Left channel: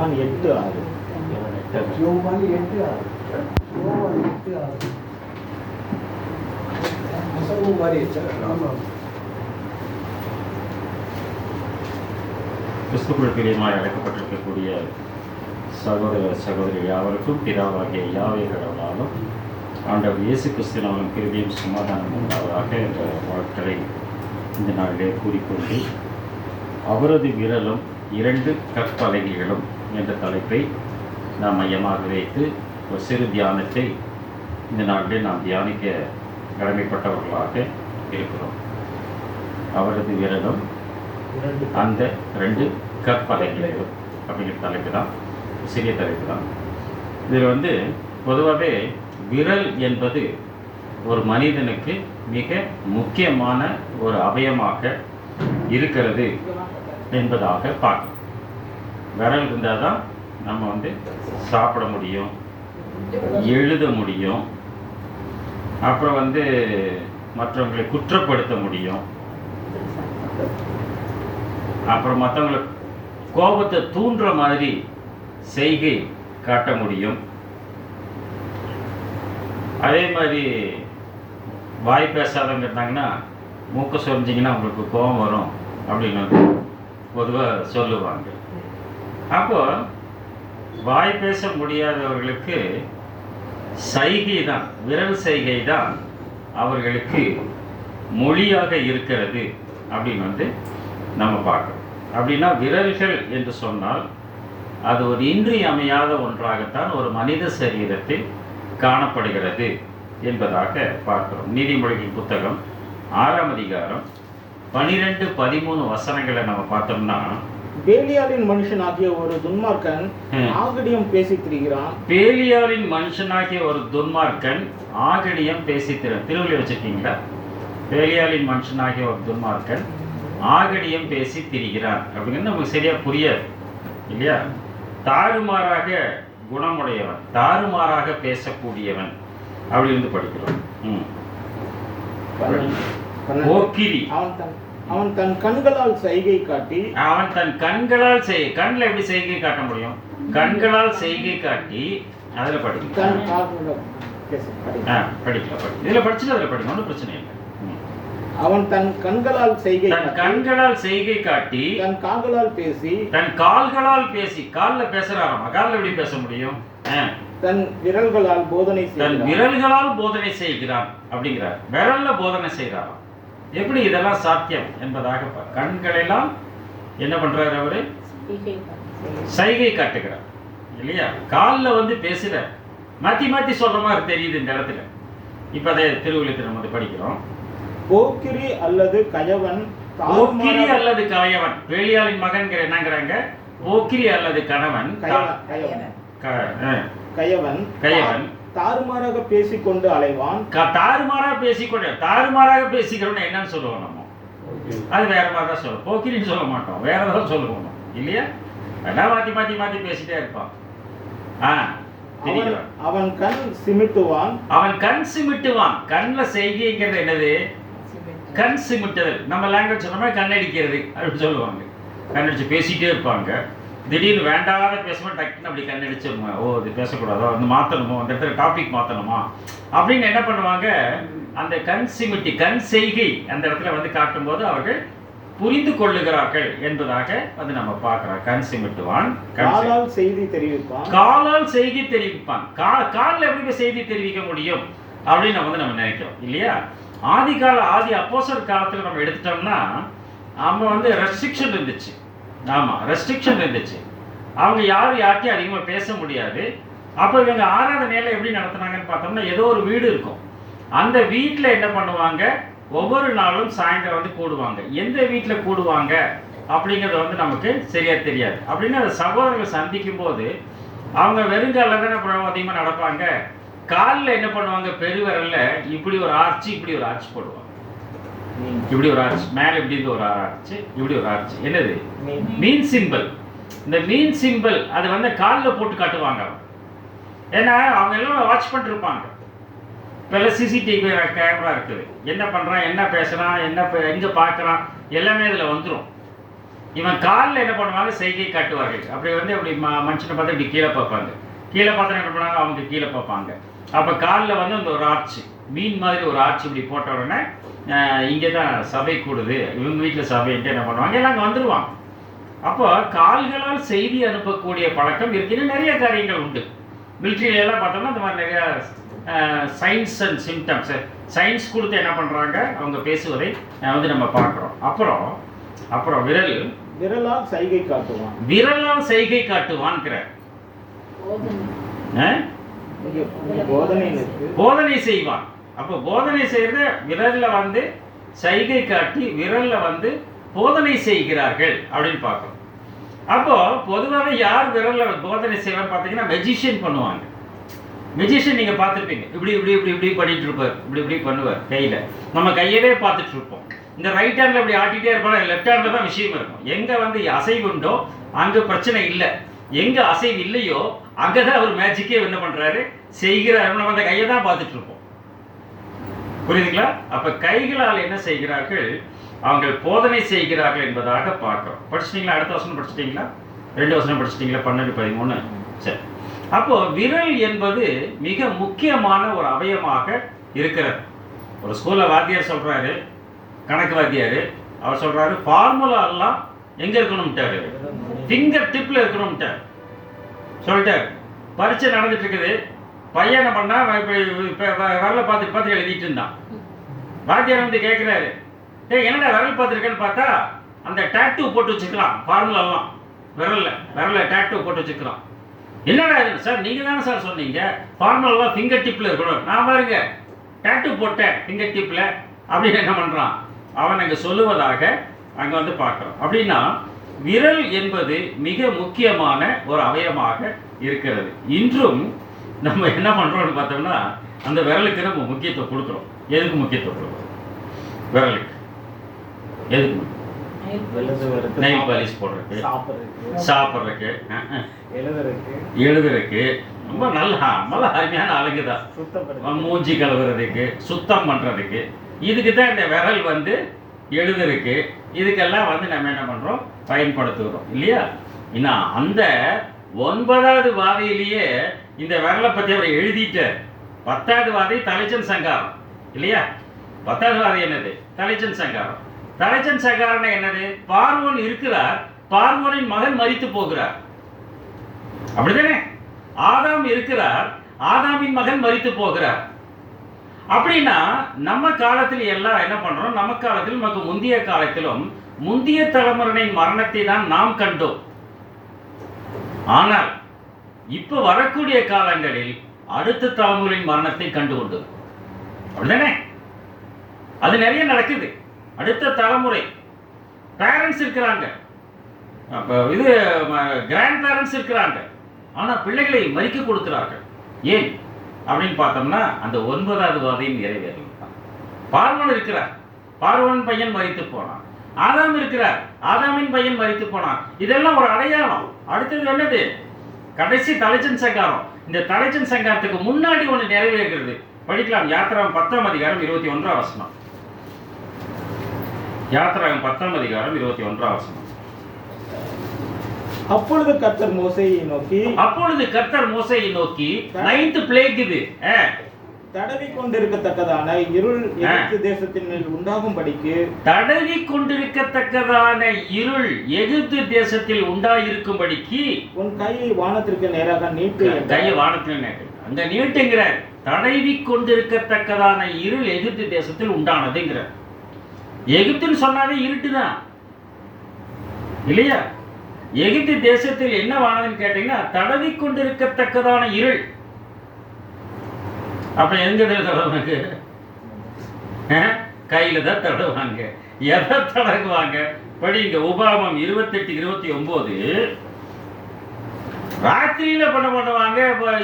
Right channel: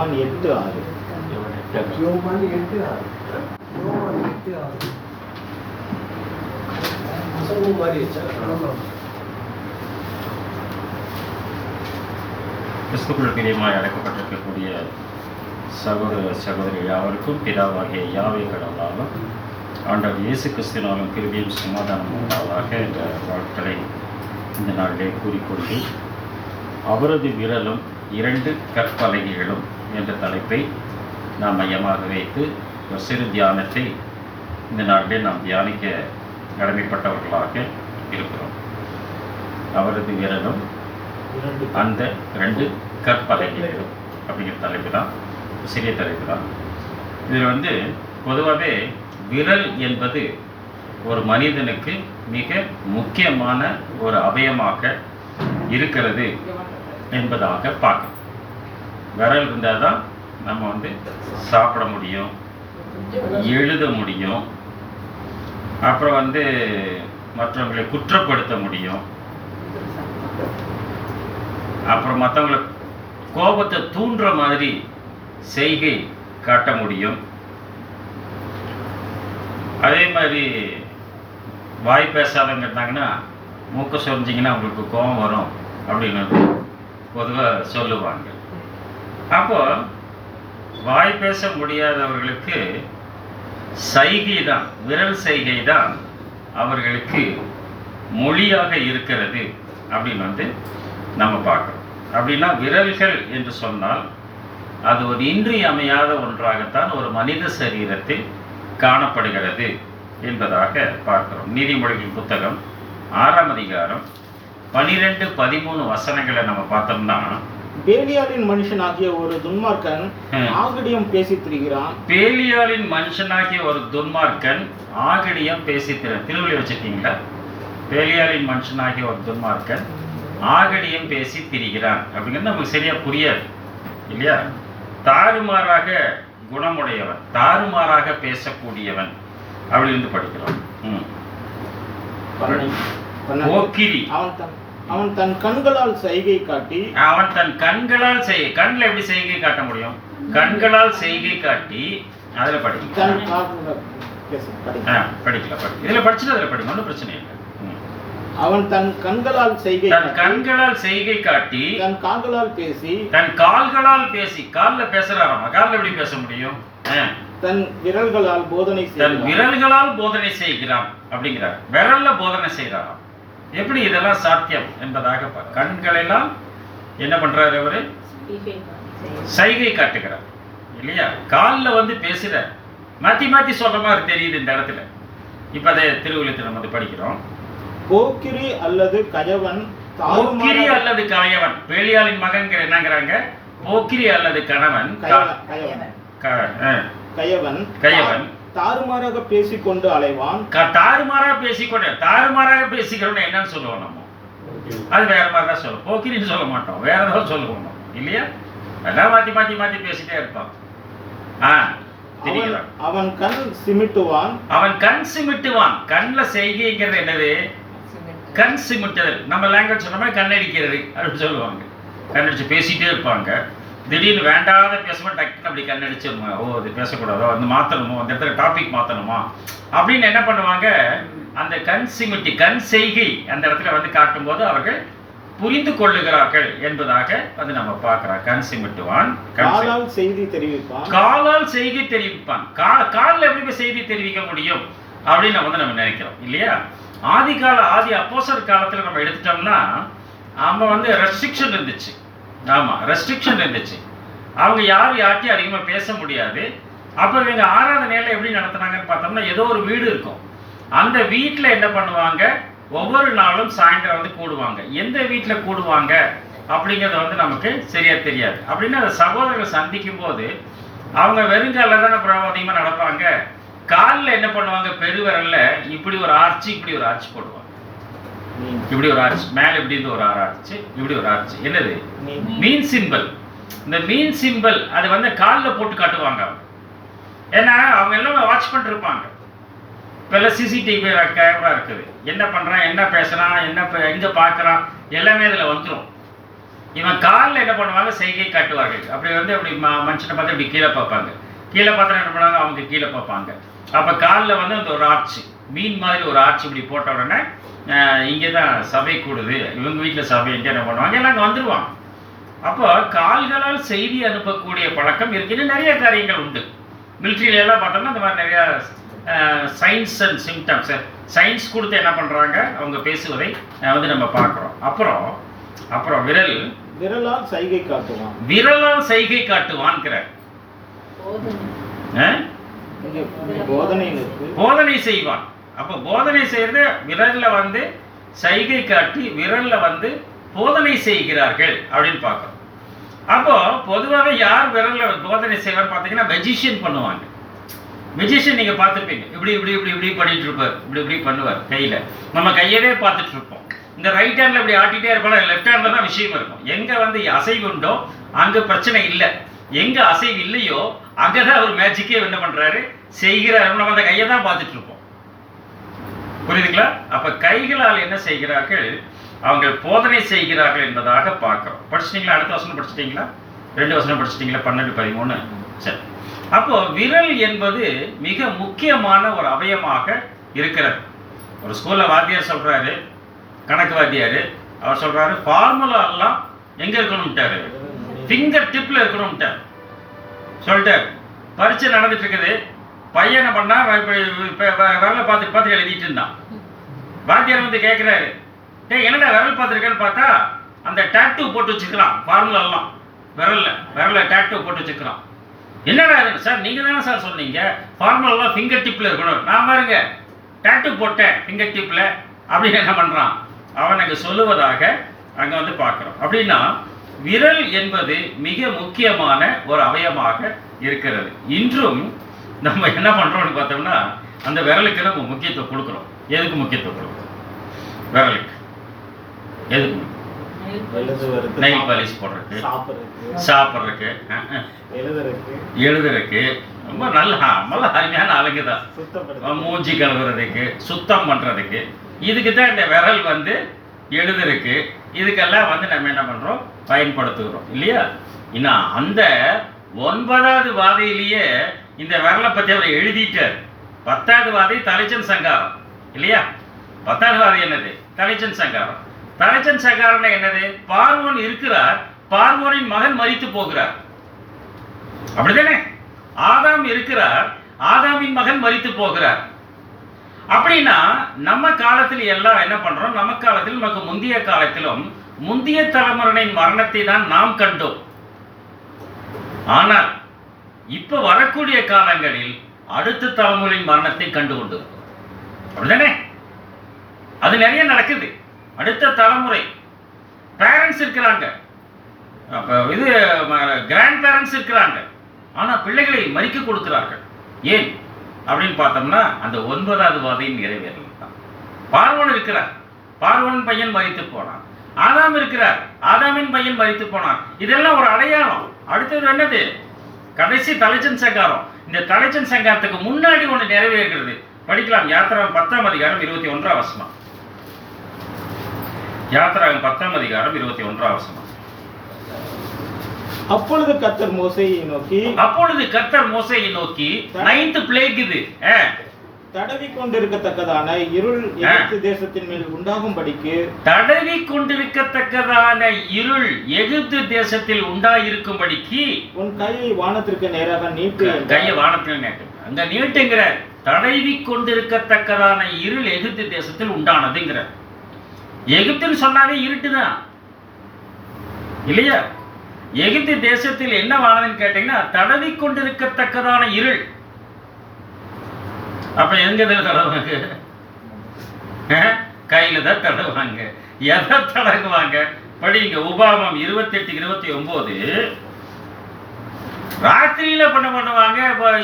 யோவான் 8:6. யோவான் 8:6. கிறிஸ்துக்குள் பிரியமாய் அழைக்கப்பட்டிருக்கக்கூடிய சகோதர சகோதரி யாவருக்கும் பிதாவாகிய யாவே கடவுளாலும் ஆண்டவர் இயேசு கிறிஸ்துவினாலும் கிருபையும் சமாதானம் உண்டாவதாக என்ற வாழ்க்கை இந்த நாளிலே கூறிக்கொண்டு அவரது விரலும் 2 கற்பலகைகளும் என்ற தலைப்பை நாம் மையமாக வைத்து ஒரு சிறு தியானத்தை இந்த நாளிலே நாம் தியானிக்க கடமைப்பட்டவர்களாக இருக்கிறோம். அவரது விரலும் அந்த 2 கற்பலகைகளும் அப்படிங்கிற தலைப்பு தான், சிறிய தலைப்பு தான். இதில் பொதுவாகவே விரல் என்பது ஒரு மனிதனுக்கு மிக முக்கியமான ஒரு அவயமாக இருக்கிறது என்பதாக பார்க்கணும். விரல் இருந்தால் தான் நம்ம சாப்பிட முடியும், எழுத முடியும், அப்புறம் மற்றவங்களை குற்றப்படுத்த முடியும், அப்புறம் மற்றவங்களை கோபத்தை தூண்டுற மாதிரி செய்கை காட்ட முடியும். அதே மாதிரி வாய் பேசாதவங்க இருந்தாங்கன்னா மூக்க சொரிஞ்சிங்கன்னா உங்களுக்கு கோபம் வரும் அப்படின்னு பொதுவாக சொல்லுவாங்க. அப்போ வாய் பேச முடியாதவர்களுக்கு சைகை தான், விரல் சைகை தான் அவர்களுக்கு மொழியாக இருக்கிறது அப்படின்னு நம்ம பார்க்கணும். அப்படின்னா விரல்கள் என்று சொன்னால் அது ஒரு இன்றியமையாத ஒன்றாகத்தான் ஒரு மனித சரீரத்தில் காணப்படுகிறது என்பதாக பார்க்கிறோம். நீதிமொழிகள் புத்தகம் 6ஆம் அதிகாரம் 12-13 வசனங்களை நம்ம பார்த்தோம்னா, பேலியாலின் மனுஷனாகிய ஒரு துன்மார்க்கன் ஆகடியம் பேசித் திரிகிறான். பேலியாலின் மனுஷனாகிய ஒரு துன்மார்க்கன் ஆகடியம் பேசித் திரிகிறான். திருவிழை வச்சிருக்கீங்களா? பேலியாலின் மனுஷனாகிய ஒரு துன்மார்க்கன் ஆகடியம் பேசி திரிகிறான் அப்படிங்கிறது நமக்கு சரியா புரியாது இல்லையா? தாறுமாறாக குணமுடையவன், தாறுமாறாக பேசக்கூடியவன் அப்படின்னு படிக்கிறோம். போக்கிரி, அவன் தன் கண்களால் செய்கை காட்டி, அவன் தன் கண்களால் கண்ணில் எப்படி செய்கை காட்ட முடியும்? கண்களால் செய்கை காட்டி அதுல படிக்கலாம். இதுல படிச்சுட்டு அதுல படிக்கணும், ஒன்றும் பிரச்சனை இல்லை. அவன் தன் கண்களால் செய்கை காட்டி தன் கால்களால் பேசி காலில் பேசுறாராமா. காலில் எப்படி பேச முடியும்? தன் விரல்களால் போதனை செய்கிறான் அப்படிங்கிறார். விரல்ல போதனை செய்கிறாராம். எப்படி இதெல்லாம் சாத்தியம் என்பதாக கண்களெல்லாம் என்ன பண்றாரு? அவரு சைகை காட்டுகிறார் இல்லையா? காலில் பேசுற மாத்தி மாத்தி சொல்ற மாதிரி தெரியுது இந்த இடத்துல. இப்ப அதை திருவிழத்தில் நம்ம படிக்கிறோம். போக்கிரி அல்லது கயவன், பேலியாலின் மகன் என்னங்கிறாங்க? போக்கிரி அல்லது கணவன், கயவன் தாறுமாறாக பேசிக்கொண்டு அலைவான். தாறுமாறாக பேசிக்கிறோம் என்னன்னு சொல்லுவோம் நம்ம? அது வேற மாதிரி தான் சொல்லுவோம். போக்கிரின்னு சொல்ல மாட்டோம், வேற ஏதாவது சொல்லுவோம் இல்லையா? எல்லாம் மாத்தி மாத்தி மாத்தி பேசிட்டே இருப்பான். அவன் கண் சிமிட்டுவான். கண்ணுல செய்கைங்கிறது என்னது? கண் சிமிட்டுதல். நம்ம லாங்குவேஜ் சொன்னோம்னா கண்ணடிக்கிறது அப்படின்னு சொல்லுவாங்க. கண்ணடிச்சு பேசிட்டே இருப்பாங்க. திடீர்னு வேண்டாத பேசும்போது டக்குன்னு அப்படி கண்ணடிச்சிருமா, ஓ இது பேசக்கூடாதோ, மாற்றணுமோ, அந்த இடத்துல டாபிக் மாற்றணுமா அப்படின்னு என்ன பண்ணுவாங்க? அந்த கண் செய்கை அந்த இடத்துல காட்டும்போது அவர்கள் புரிந்து கொள்ளுகிறார்கள் என்பதாக நம்ம பார்க்கிறோம். கண் சிமிட்டுவான், காலால் செய்தி தெரிவிப்பான். காலில் எப்படி செய்தி தெரிவிக்க முடியும் அப்படின்னு நம்ம நினைக்கிறோம் இல்லையா? ஆதி அப்போஸ்தலர் காலத்தில் நம்ம எடுத்துட்டோம்னா நம்ம ரெஸ்ட்ரிக்ஷன் இருந்துச்சு. ரெஸ்ட்ரிக்ஷன் இருந்துச்சு. அவங்க யார்கிட்டையும் அதிகமாக பேச முடியாது. அப்போ இவங்க ஆராதனையில எப்படி நடத்துனாங்கன்னு பார்த்தோம்னா, ஏதோ ஒரு வீடு இருக்கும். அந்த வீட்டில் என்ன பண்ணுவாங்க? ஒவ்வொரு நாளும் சாயந்தரம் கூடுவாங்க. எந்த வீட்டில் கூடுவாங்க அப்படிங்கிறது நமக்கு சரியா தெரியாது. அப்படின்னு அந்த சகோதரர்கள் சந்திக்கும் போது அவங்க வெறுங்கால தானே அதிகமாக நடப்பாங்க. காலில் என்ன பண்ணுவாங்க? பெருவரல்ல இப்படி ஒரு ஆர்ச்சி போடுவாங்க. இப்படி ஒரு ஆர்ச், மேல இப்படி இருந்து ஒரு ஆர்ச், இப்படி ஒரு ஆர்ச். என்னது? மீன் சிம்பிள். இந்த மீன் சிம்பிள் அது காலில் போட்டு காட்டுவாங்க. ஏன்னா அவங்க எல்லாம் வாட்ச் பண்ணிட்டு இருப்பாங்க. இப்போல்லாம் சிசிடிவி கேமரா இருக்குது. என்ன பண்ணுறான், என்ன பேசுகிறான், எங்கே பார்க்குறான் எல்லாமே இதில் வந்துடும். இவன் காலில் என்ன பண்ணுவாங்க, செய்கை காட்டுவார்கள். அப்படி வந்து அப்படி மனுஷனை பார்த்து இப்படி கீழே பார்ப்பாங்க. கீழே பார்த்தா என்ன பண்ணுவாங்க, அவங்க கீழே பார்ப்பாங்க. அப்போ காலில் வந்து அந்த ஒரு ஆர்ச்சி, மீன் மாதிரி ஒரு ஆர்ச்சி இப்படி போட்ட உடனே இங்கே தான் சபை கூடுது, இவங்க வீட்டில் சபைன்ட்டு என்ன பண்ணுவாங்க, எல்லாம் அங்கே வந்துடுவாங்க. அப்போ கால்களால் செய்தி அனுப்பக்கூடிய பழக்கம் இருக்குன்னு நிறைய காரியங்கள் உண்டு. மிலிட்ரியிலெல்லாம் பார்த்தோம்னா இந்த மாதிரி நிறையா சயின்ஸ் அண்ட் சிம்டம்ஸ், சயின்ஸ் கொடுத்து என்ன பண்ணுறாங்க, அவங்க பேசுவதை வந்து நம்ம பார்க்குறோம். அப்புறம் விரலால் சைகை காட்டுவான். விரலால் சைகை காட்டுவான்ங்கிற போதனை செய்வான். அப்போ போதனை செய்யறது விரல்ல வந்து சைகை காட்டி விரல்ல வந்து போதனை செய்கிறார்கள் அப்படின்னு பார்க்கணும். அப்போ பொதுவாக யார் விரல்ல போதனை செய்வான்னு பார்த்தீங்கன்னா மெஜிஷியன் பண்ணுவாங்க. மெஜிஷியன் நீங்க பார்த்துருப்பீங்க, இப்படி இப்படி இப்படி இப்படி பண்ணிட்டு இருப்பார், இப்படி இப்படி பண்ணுவார் கையில. நம்ம கையவே பார்த்துட்டு இருப்போம். இந்த ரைட் ஹேண்ட்ல இப்படி ஆட்டிகிட்டே இருப்பாங்க, லெஃப்ட் ஹேண்ட்ல தான் விஷயம் இருக்கும். எங்க வந்து அசைவு உண்டோ அங்க பிரச்சனை இல்லை, எங்க அசைவு இல்லையோ அங்கதான் அவர் மேஜிக்கே என்ன பண்றாரு, செய்கிறார். நம்ம அந்த கையை தான் பார்த்துட்டு இருப்போம். புரியுதுங்களா? அப்ப கைகளால் என்ன செய்கிறார்கள், அவங்க போதனை செய்கிறார்கள் என்பதாக பார்க்கிறோம். படிச்சிட்டீங்களா? அடுத்த வசனம் படிச்சிட்டீங்களா? 2 வசனம் படிச்சிட்டீங்களா? 12-13. சரி. அப்போ விரல் என்பது மிக முக்கியமான ஒரு அவயமாக இருக்கிறது. ஒரு ஸ்கூல்ல வாத்தியார் சொல்றாரு, கணக்கு வாத்தியார், அவர் சொல்றாரு ஃபார்முலா எல்லாம் எங்க இருக்கணும்ட்டாரு, ஃபிங்கர் டிப்ல இருக்கணும்ட்டார் சொல்லிட்டார். பரீட்சை நடந்துட்டு இருக்குது, பையன் என்ன பண்ணா விரலை பார்த்து எழுதிட்டு இருந்தான். வாத்தியார் வந்து கேட்கிறாரு, என்னடா விரல் பார்த்துருக்கேன்னு பார்த்தா அந்த டாட்டூ போட்டு வச்சுக்கலாம், ஃபார்முலா எல்லாம் விரல்ல டாட்டூ போட்டு வச்சுக்கலாம். என்னடா இது சார், நீங்க தானே சார் சொன்னீங்க ஃபார்முலா எல்லாம் ஃபிங்கர் டிப்ல இருக்கணும். நான் பாருங்க டாட்டூ போட்டேன் ஃபிங்கர் டிப்ல அப்படின்னு என்ன பண்றான் அவன் அங்க சொல்லுவதாக அங்க வந்து பார்க்கிறோம். அப்படின்னா விரல் என்பது மிக முக்கியமான ஒரு அவயமாக இருக்கிறது. இன்றும் நம்ம என்ன பண்றோம்னு பார்த்தோம்னா அந்த விரலுக்கு நம்ம முக்கியத்துவம் கொடுக்கிறோம். எதுக்கு முக்கியத்துவம் கொடுக்கிறோம்? விரலுக்கு எதுக்கு? நெயில் பாலிஷ் போடுறதுக்கு, சாப்பிட்றதுக்கு, எழுதுறதுக்கு, ரொம்ப நல்ல அருமையான அழகு தான். மூஞ்சி கழுவுறதுக்கு, சுத்தம் பண்றதுக்கு, இதுக்கு தான் இந்த விரல் வந்து எழுதுறதுக்கு, இதுக்கெல்லாம் வந்து நம்ம என்ன பண்றோம், பயன்படுத்துகிறோம் இல்லையா? இன்னும் அந்த 9வது வாதையிலேயே இந்த விரலை பற்றி அவர் எழுதிட்டார். 10வது வாதை தலைச்சன் சங்காரம் இல்லையா? 10வது வாதை என்னது? தலைச்சன் சங்காரம். தலைச்சன் சங்காரம் என்னது? பார்வோன் இருக்கிறார், பார்வோனின் மகன் மரித்து போகிறார், அப்படிதானே? ஆதாம் இருக்கிறார், ஆதாமின் மகன் மரித்து போகிறார். அப்படின்னா நம்ம காலத்தில் எல்லாம் என்ன பண்றோம், நம்ம காலத்தில் நமக்கு முந்தைய காலத்திலும் முந்தைய தலைமுறையின் மரணத்தை தான் நாம் கண்டோம். ஆனால் இப்ப வரக்கூடிய காலங்களில் அடுத்த தலைமுறையின் மரணத்தை கண்டு கொண்டு, அப்படிதானே? அது நிறைய நடக்குது. அடுத்த தலைமுறை பேரண்ட்ஸ் இருக்கிறாங்க, இது கிராண்ட் பேரண்ட்ஸ் இருக்கிறாங்க, ஆனா பிள்ளைகளை மறிக்க கொடுக்கிறார்கள். ஏன் அப்படின்னு பார்த்தோம்னா அந்த 9வது வாதையின் நிறைவேறலாம். பார்வோன் இருக்கிறார், பார்வோன் பையன் மரித்து போனான். ஆதாம் இருக்கிறார், ஆதாமின் பையன் மரித்து போனான். இதெல்லாம் ஒரு அடையாளம். அடுத்தது என்னது? கடைசி தலைச்சன் சங்காரம். இந்த தலைச்சன் சங்காரத்துக்கு முன்னாடி ஒன்று நிறைவேறுகிறது. படிக்கலாம். யாத்திராகம் 10ஆம் அதிகாரம் 21ஆம் வசனம். யாத்திராகம் 10ஆம் அதிகாரம் 21ஆம் வசனம். அப்பொழுது கர்த்தர் மோசேயை நோக்கி 9th பிளேக் இது தடவி கொண்டிருக்கத்தக்கதான இருள் எகிப்து தேசத்தின் மேல் உண்டாகும்படிக்கு, தடவி கொண்டிருக்கத்தக்கதான இருள் எகிப்து தேசத்தில் உண்டாயிருக்கும்படிக்கு உன் கையை வானத்திற்கு நேராக நீட்டு. கையை வானத்தில் நீட்டு. அங்க நீட்டுங்கிற தடவி கொண்டிருக்கத்தக்கதான இருள் எகிப்து தேசத்தில் உண்டானதுங்கிற. எகிப்துன்னு சொன்னாவே இருட்டுதான் இல்லையா? எகிப்து தேசத்தில் என்ன வானதுன்னு கேட்டீங்கன்னா தடவி கொண்டிருக்கத்தக்கதான இருள். அப்ப எங்க தடவுவாங்க? கையில தான் தடவுவாங்க. எதை தடவுவாங்க? படிங்க. உபாகமம் 28-29. ராத்திரியில பண்ணுவாங்க,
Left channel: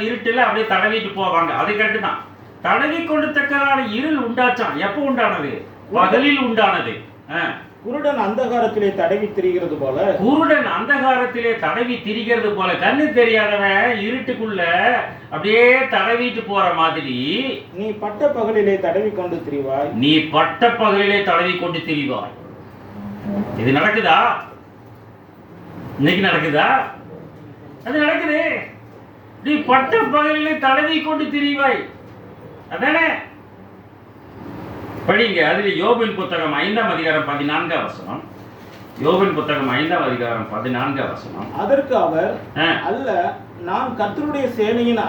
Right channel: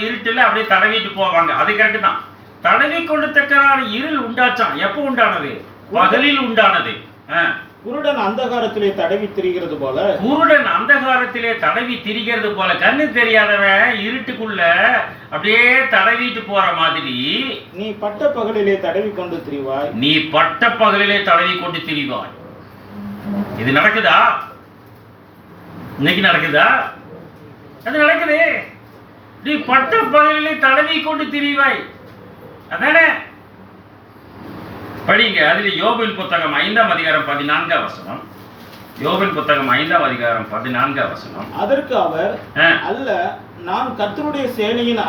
இருட்டுல அப்படியே தடவிட்டு போவாங்க. அது கரெக்டு தான். தடவி கொண்டிருக்கத்தக்கதான இருள் உண்டாச்சான். எப்போ உண்டானது? பகலில் உண்டானது. குருடன் அந்தகாரத்திலே தடவி திரிகிறது போல, குருடன் அந்தகாரத்திலே தடவி திரிகிறது போல, கண்ணு தெரியாதவன் இருட்டுக்குள்ள அப்படியே தடவிட்டு போற மாதிரி நீ பட்ட பகலிலே தடவி கொண்டு திரிவாய். நீ பட்ட பகலிலே தடவி கொண்டு திரிவாய். இது நடக்குதா? இன்னைக்கு நடக்குதா? அது நடக்குது. நீ பட்ட பகலிலே தடவி கொண்டு திரிவாய், அதானே? படிங்க. அதில் யோபின் புத்தகம் 5ஆம் அதிகாரம் 14ஆம் வசனம். யோபின் புத்தகம் 5ஆம் அதிகாரம் 14ஆம் வசனம். அதற்கு அவர், அல்ல, நான் கர்த்தருடைய சேனையின்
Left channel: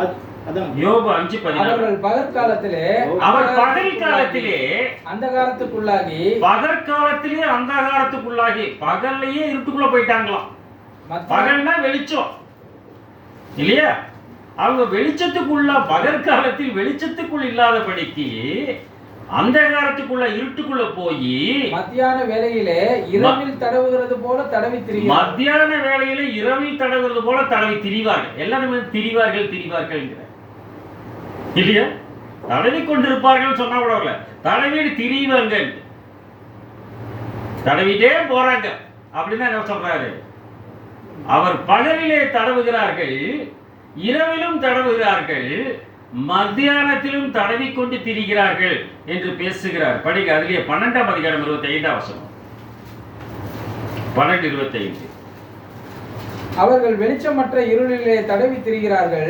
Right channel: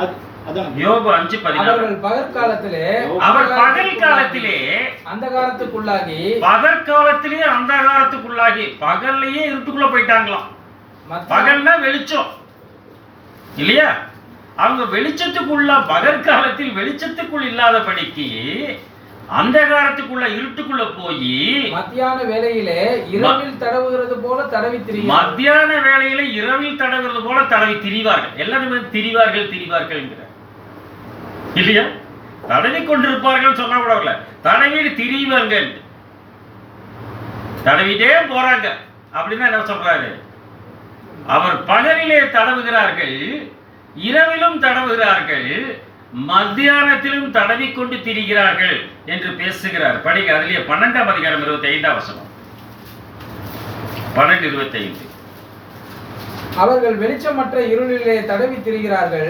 யோபு 5:14. அவர்கள் பகற்காலத்திலே அந்தகாரத்துக்குள்ளாகி பகல்லையே இருட்டுக்குள்ள போயிட்டாங்களாம். பகல்னா வெளிச்சம் இல்லையா? அவங்க வெளிச்சத்துக்குள்ள பகற்காலத்தில் வெளிச்சத்துக்குள் இல்லாதபடிக்கு அந்தகாரத்துக்குள்ள இருட்டுக்குள்ள போய் மத்தியான வேளையிலே இரவில் தடவுகிறது போல தடவி திரிவார்கள். மத்தியான வேளையில இரவில் தடவுகிறது போல தடவி திரிவார்கள். எல்லாருமே திரிவார்கள் இல்லையா? தடவி கொண்டிருப்பார்கள் சொன்னா கூட இல்ல, தடவிட்டு திரிவாங்க, தடவிட்டே போறாங்க அப்படின்னு என்ன சொல்றாரு? அவர் பகலிலே தடவுகிறார்கள், இரவிலும் தடவுகிறார்கள், மத்தியானத்திலும் தடவி கொண்டு திரிகிறார்கள் என்று பேசுகிறார். படிக்க. அதிலே 12ஆம் அதிகாரம் 25ஆம் வசனம். 12:25. அவர்கள் வெளிச்சமற்ற இருளிலே தடவி திரிகிறார்கள்.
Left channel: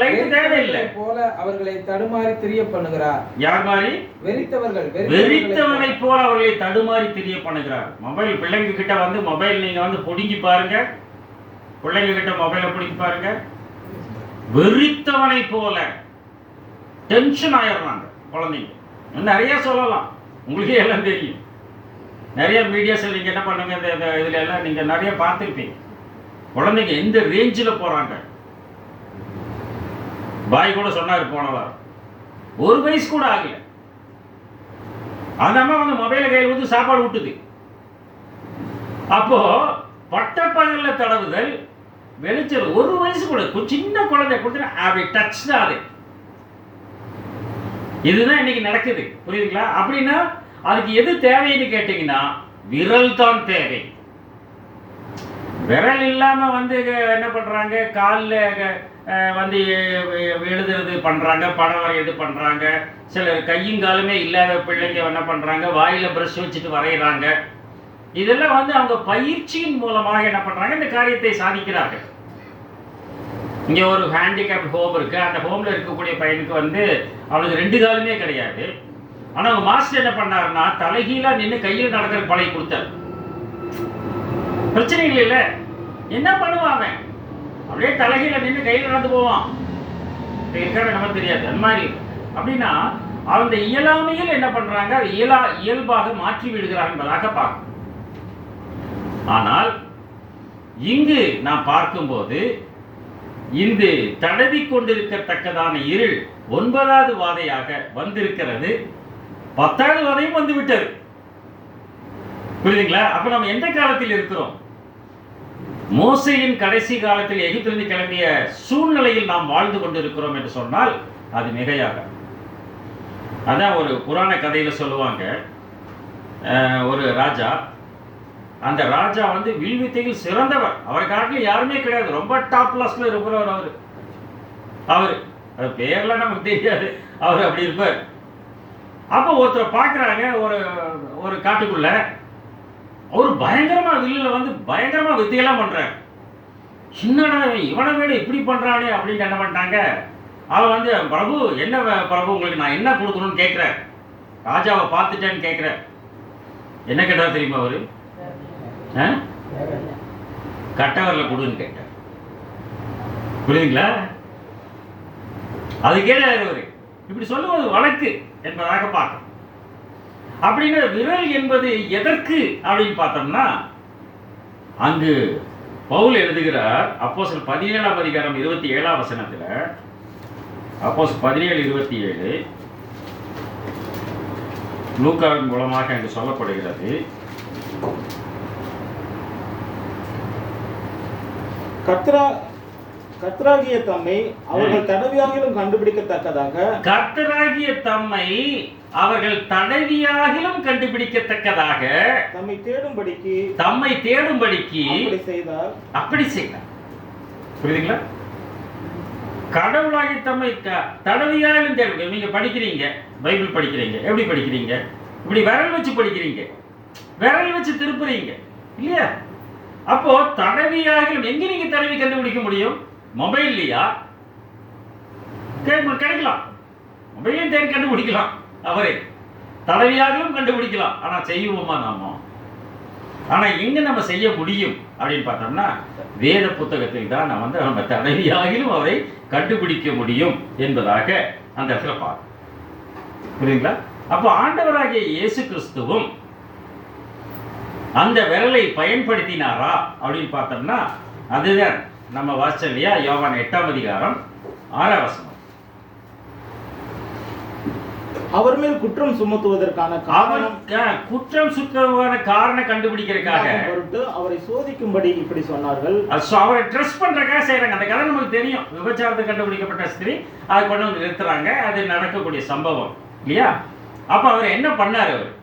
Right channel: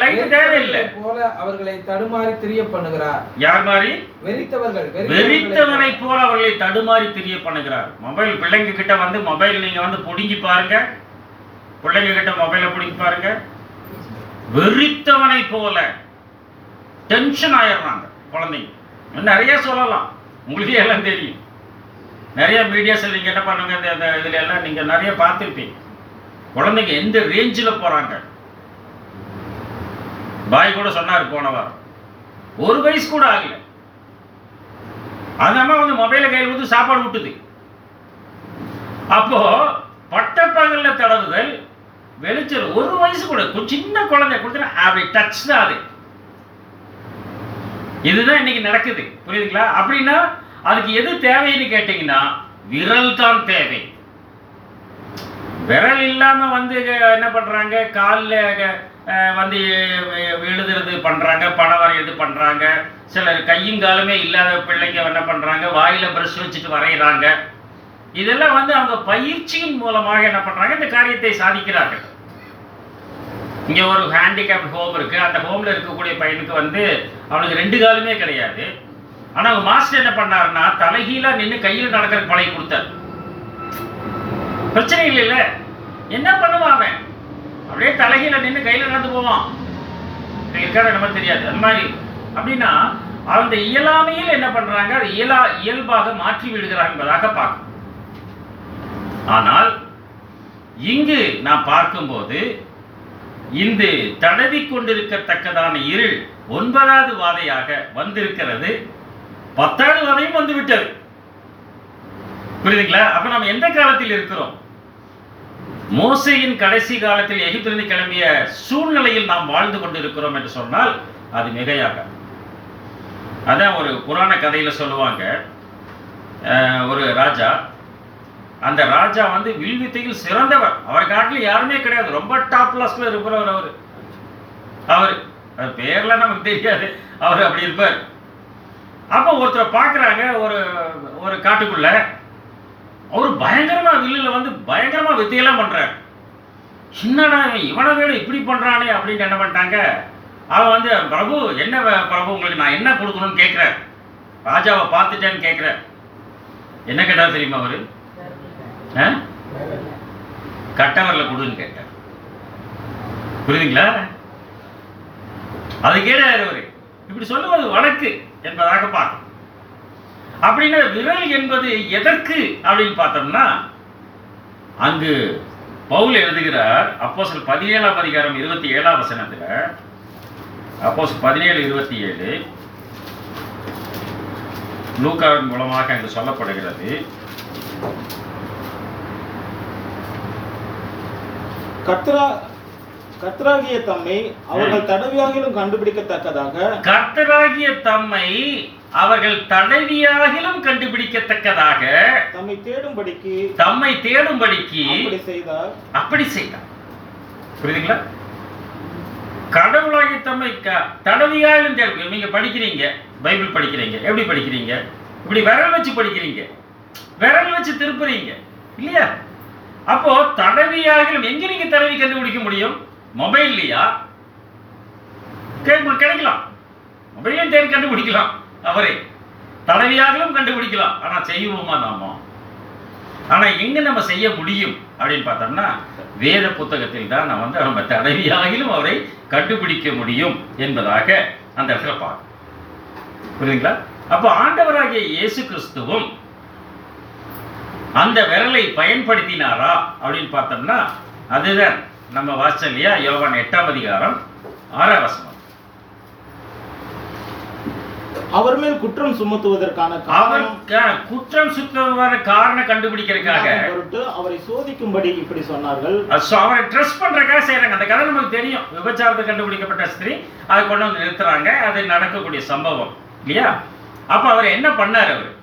லைட் தேவையில்லை போல அவர்களை தடுமாறி திரிய பண்ணுகிறார். யார் மாதிரி? வெறித்தவனை போல அவர்களை தடுமாறி திரிய பண்ணுகிறார். மொபைல் பிள்ளைங்க கிட்ட வந்து மொபைல் நீங்க வந்து புடுங்கி பாருங்க, பிள்ளைங்க கிட்ட மொபைலை பிடிங்கி பாருங்க, வெறித்தவனை போல டென்ஷன் ஆயிடுறாங்க குழந்தைங்க. நிறைய சொல்லலாம், உங்களுக்கே எல்லாம் தெரியும். நிறைய மீடியாஸ் நீங்க என்ன பண்ணுங்க, இதுல எல்லாம் நீங்க நிறைய பார்த்துருப்பீங்க. குழந்தைங்க எந்த ரேஞ்சில் போறாங்க. பாய் கூட சொன்னாரு போனவா, 1 வயசு கூட ஆகல, அந்த அம்மா வந்து மொபைலை கையில் ஊற்றி சாப்பாடு விட்டுது. அப்போ பட்டப்பகல்ல தடவுதல், வெளிச்சல். 1 வயசு கூட சின்ன குழந்தை கொடுத்து அப்படி டச் தான் அது. இதுதான் இன்னைக்கு நடக்குது, புரியுதுங்களா? அப்படின்னா அதுக்கு எது தேவைன்னு கேட்டீங்கன்னா விரல் தான் தேவை. விரல் இல்லாம வந்து என்ன பண்றாங்க, காலில் வந்து எழுதுறது பண்றாங்க, படம் வரைகிறது பண்றாங்க. சிலர் கையும் காலுமே இல்லாத பிள்ளைங்க என்ன பண்றாங்க, வாயில பிரஷ் வச்சுட்டு வரைகிறாங்க. இதெல்லாம் வந்து அவங்க பயிற்சியின் மூலமாக என்ன பண்றாங்க, இந்த காரியத்தை சாதிக்கிறார்கள். இங்க ஒரு ஹேண்டிகேப்ட் ஹோம் இருக்கு, அந்த ஹோம்ல இருக்கக்கூடிய பையனுக்கு வந்து அவனுக்கு 2 காலுமே கிடையாது. ஆனா அவங்க மாஸ்டர் என்ன பண்ணாருன்னா தலைகீழா நின்று கையில் நடக்கிற பழகி கொடுத்தார். பிரச்சனை இல்லைல்ல, என்ன பண்ணுவான் அவன்? அப்படியே தலைகீழ நின்று கையில் நடந்து போவான். இருக்காரு நமக்கு தெரியாது. அந்த மாதிரி அப்படின்னா அந்த இயலாமையில் என்ன பண்றாங்க, அது இயல்பாக மாற்றி விடுகிறாங்க என்பதாக பார்க்கணும். ஆனால் இங்கு நாம் பார்க்கும்போது இந்த தடவி கொண்டிருக்கத்தக்கதான இருள் 9வது வாதையாக வந்திருக்கிறது. 10வது வாதையும் வந்து விட்டது. புரியுதுங்களா? அப்ப நம்ம எந்த காலத்தில் இருக்கிறோம்? மோசேயின் கடைசி காலத்தில் எகிப்திலிருந்து கிளம்பிய சூழ்நிலையில் நாம் வாழ்ந்து கொண்டிருக்கிறோம் என்று சொன்னால் அது மிகையாக. அதான் ஒரு புராண கதையில சொல்லுவாங்க, ஒரு ராஜா, அந்த ராஜா வந்து வில்வித்தையில் சிறந்தவர். அவர் காட்டில் யாருமே கிடையாது, ரொம்ப டாப் கிளாஸ்ல இருக்கிறவர் அவர் பேர்லாம் நமக்கு தெரியாது, அவர் அப்படி இருப்பார். அப்போ ஒருத்தர் பார்க்குறாங்க, ஒரு காட்டுக்குள்ள அவர் பயங்கரமா வில்லுல வந்து பயங்கரமா வித்தையெல்லாம் பண்றாரு. என்னடா இவனை விட இப்படி பண்றானே அப்படின்னு என்ன பண்ணிட்டாங்க, அவன் வந்து பிரபு என்ன பிரபு உங்களுக்கு நான் என்ன கொடுக்கணும்னு கேட்குறேன். ராஜாவை பார்த்துட்டேன்னு கேட்குறேன். என்ன கேட்டார் தெரியுமா அவரு? கட்டவரில் கொடுன்னு கேட்டார். புரியுதுங்களா? அது கேட்டார் அவரு. இப்படி சொல்லுவது வழக்கு என்பதாக பார்க்கணும். அப்படின்னா விரல் என்பது எதற்கு அப்படின்னு பார்த்தோம்னா, அங்கு பவுல் எழுதுகிறார் அப்போஸ்தலர் 17ஆம் அதிகாரம் 27ஆம் வசனத்துல, அப்போஸ்தலர் 17:27 லூக்காவின் மூலமாக அங்கு சொல்லப்படுகிறது. கர்த்தராகிய தம்மை அவர்கள் தடவியாகிலும் கண்டுபிடிக்கத்தக்கதாக, கர்த்தராகிய தம்மை அவர்கள் தடவியாகிலும் கண்டுபிடிக்கத்தக்கதாக தம்மை தேடும்படிக்கு அப்படி செய்தார். புரியுதுங்களா? கடவுளாகி தம்மை தடவியாகிலும் தேடும். நீங்க படிக்கிறீங்க, பைபிள் படிக்கிறீங்க, எப்படி படிக்கிறீங்க? இப்படி விரல் வச்சு படிக்கிறீங்க, விரல் வச்சு திருப்புறீங்க. இல்லையா? அப்போ தடவியாகிலும் எங்க நீங்க தடவி கண்டுபிடிக்க முடியும்? மொபைல்லையா? கிடைக்கலாம், மொபைலையும் தேடி கண்டுபிடிக்கலாம், அவரே தடவியாகிலும் கண்டுபிடிக்கலாம். ஆனா செய்வோமா நாம? ஆனா எங்க நம்ம செய்ய முடியும் அப்படின்னு பார்த்தோம்னா வேத புத்தகத்தில் தான் நம்ம தடவியாகிலும் அவரை கண்டுபிடிக்க முடியும் என்பதாக அந்த இடத்துல பார்க்க புரியுதுங்களா? அப்போ ஆண்டவராகிய இயேசு கிறிஸ்துவும் அந்த விரலை பயன்படுத்தினாரா அப்படின்னு பார்த்தோம்னா அதுதான் நம்ம வாசிச்சோம் இல்லையா? யோவான் 8ஆம் அதிகாரம் 6ஆம் வசனம். அவர் மேல் குற்றம் சுமத்துவதற்கான குற்றம் சுமத்துவதற்கான காரணம் கண்டுபிடிக்கிறதுக்காக அவரை சோதிக்கும்படி இப்படி சொன்னார்கள். அவரை ட்ரெஸ் பண்றதுக்காக செய்யறாங்க. அந்த கதை நமக்கு தெரியும். விபச்சாரத்தை கண்டுபிடிக்கப்பட்ட ஸ்திரீ அதை கொண்டு வந்து நிறுத்துறாங்க. அது நடக்கக்கூடிய சம்பவம் இல்லையா? அப்ப அவர் என்ன பண்ணாரு? அவர்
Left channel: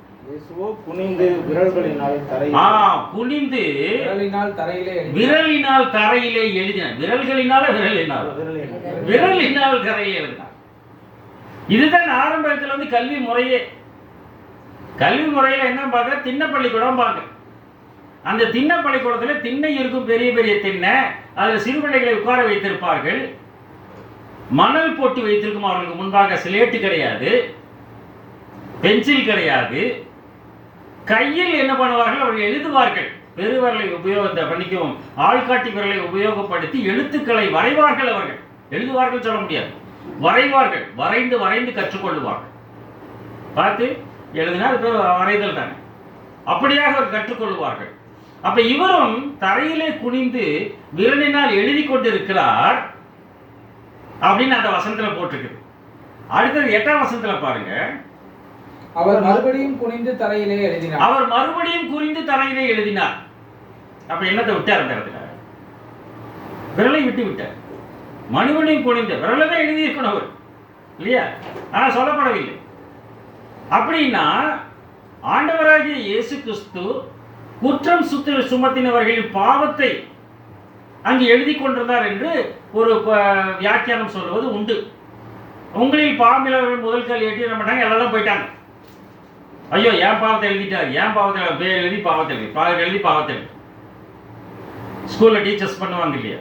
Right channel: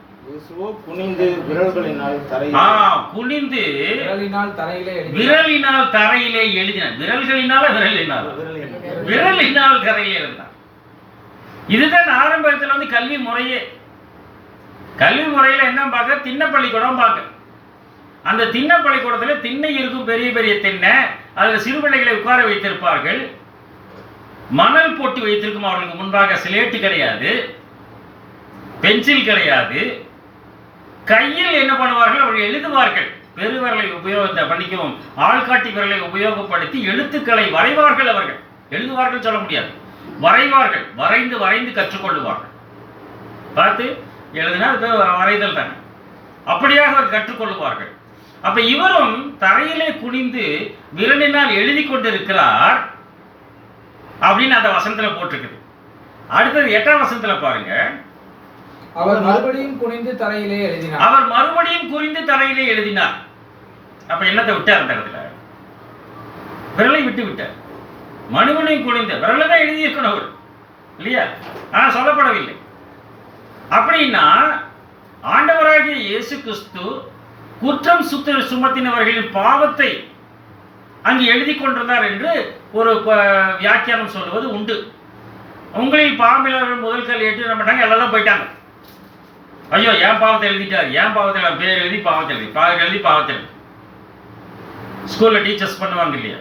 குனிந்து விரல்களினால் குனிந்து விரலினால் தரையிலே எழுதினார். விரல்களினால விரலினால் தரையிலே எழுதினார். இதுதான் ஆரம்பத்தில் வந்து கல்வி முறையே. கல்வி முறையில என்ன பார்க்க? திண்ணை பள்ளிக்கூடம் பார்க்க. அந்த திண்ணை பள்ளிக்கூடத்துல திண்ணை இருக்கும், பெரிய பெரிய திண்ணை. அதுல சிறு பிள்ளைகளை உட்கார வைத்திருப்பார்கள். மணல் போட்டு வைத்திருக்கும். அவர்களுக்கு முன்பாக ஸ்லேட்டு கிடையாது, பென்சில் கிடையாது. கையில் என்ன பண்ணுவார்கள்? அவர்கள் எழுதுவார்கள். பெருவிரலை பண்ணிக்கவும் ஆள்காட்டி விரலை உபயோகப்படுத்தி எழுத்துக்களை வரைவார்கள். அவர்கள் எழுதுவார்கள் சொல்ல முடியாது, வரைவார்கள். வரைந்து கற்றுக்கொள்ளுவார்கள். பார்த்து எழுதினா அது வரைதல் தானே. அப்படியாக அவர் கற்றுக்கொள்வார்கள். அப்ப இவரும் தரையிலே குனிந்து விரலினால் எழுதி கொண்டிருக்கிறார் அப்படின்னு அந்த வசனத்துல போட்டிருக்குது. அடுத்தது 8ஆம் வசனத்துல பாருங்க. அவர் மறுபடியும் குனிந்து தரையிலே எழுதினார். அப்ப என்னத்தை விட்டார்? அந்த இடத்துல விரலை விட்டார். மனுவனையும் குனிந்த விரலை தான் எழுதியிருக்கணும் அவர், இல்லையா? சொல்லப்படவில்லை. அப்படின்னா ஆண்டவராகிய இயேசு கிறிஸ்து குற்றம் சுமத்தினவர்களின் பாவத்தை அங்கு எழுதி கொண்டிருந்தார் என்று ஒரு வியாக்கியானம் சொல்வது உண்டு. உங்களில் பாவமில்லவர்கள் முதல் கல் ஏற்றி மாட்டாங்க, எல்லாம் போயிட்டாங்க. ஐயோ ஏன் பாவத்தை எழுதிட்டார், ஏன் பாவத்தை பேர் எழுதி பாவத்தை எழுதி ஸ்கூல்ல டீச்சர்ஸ் பண்ணுவாங்க இல்லையா?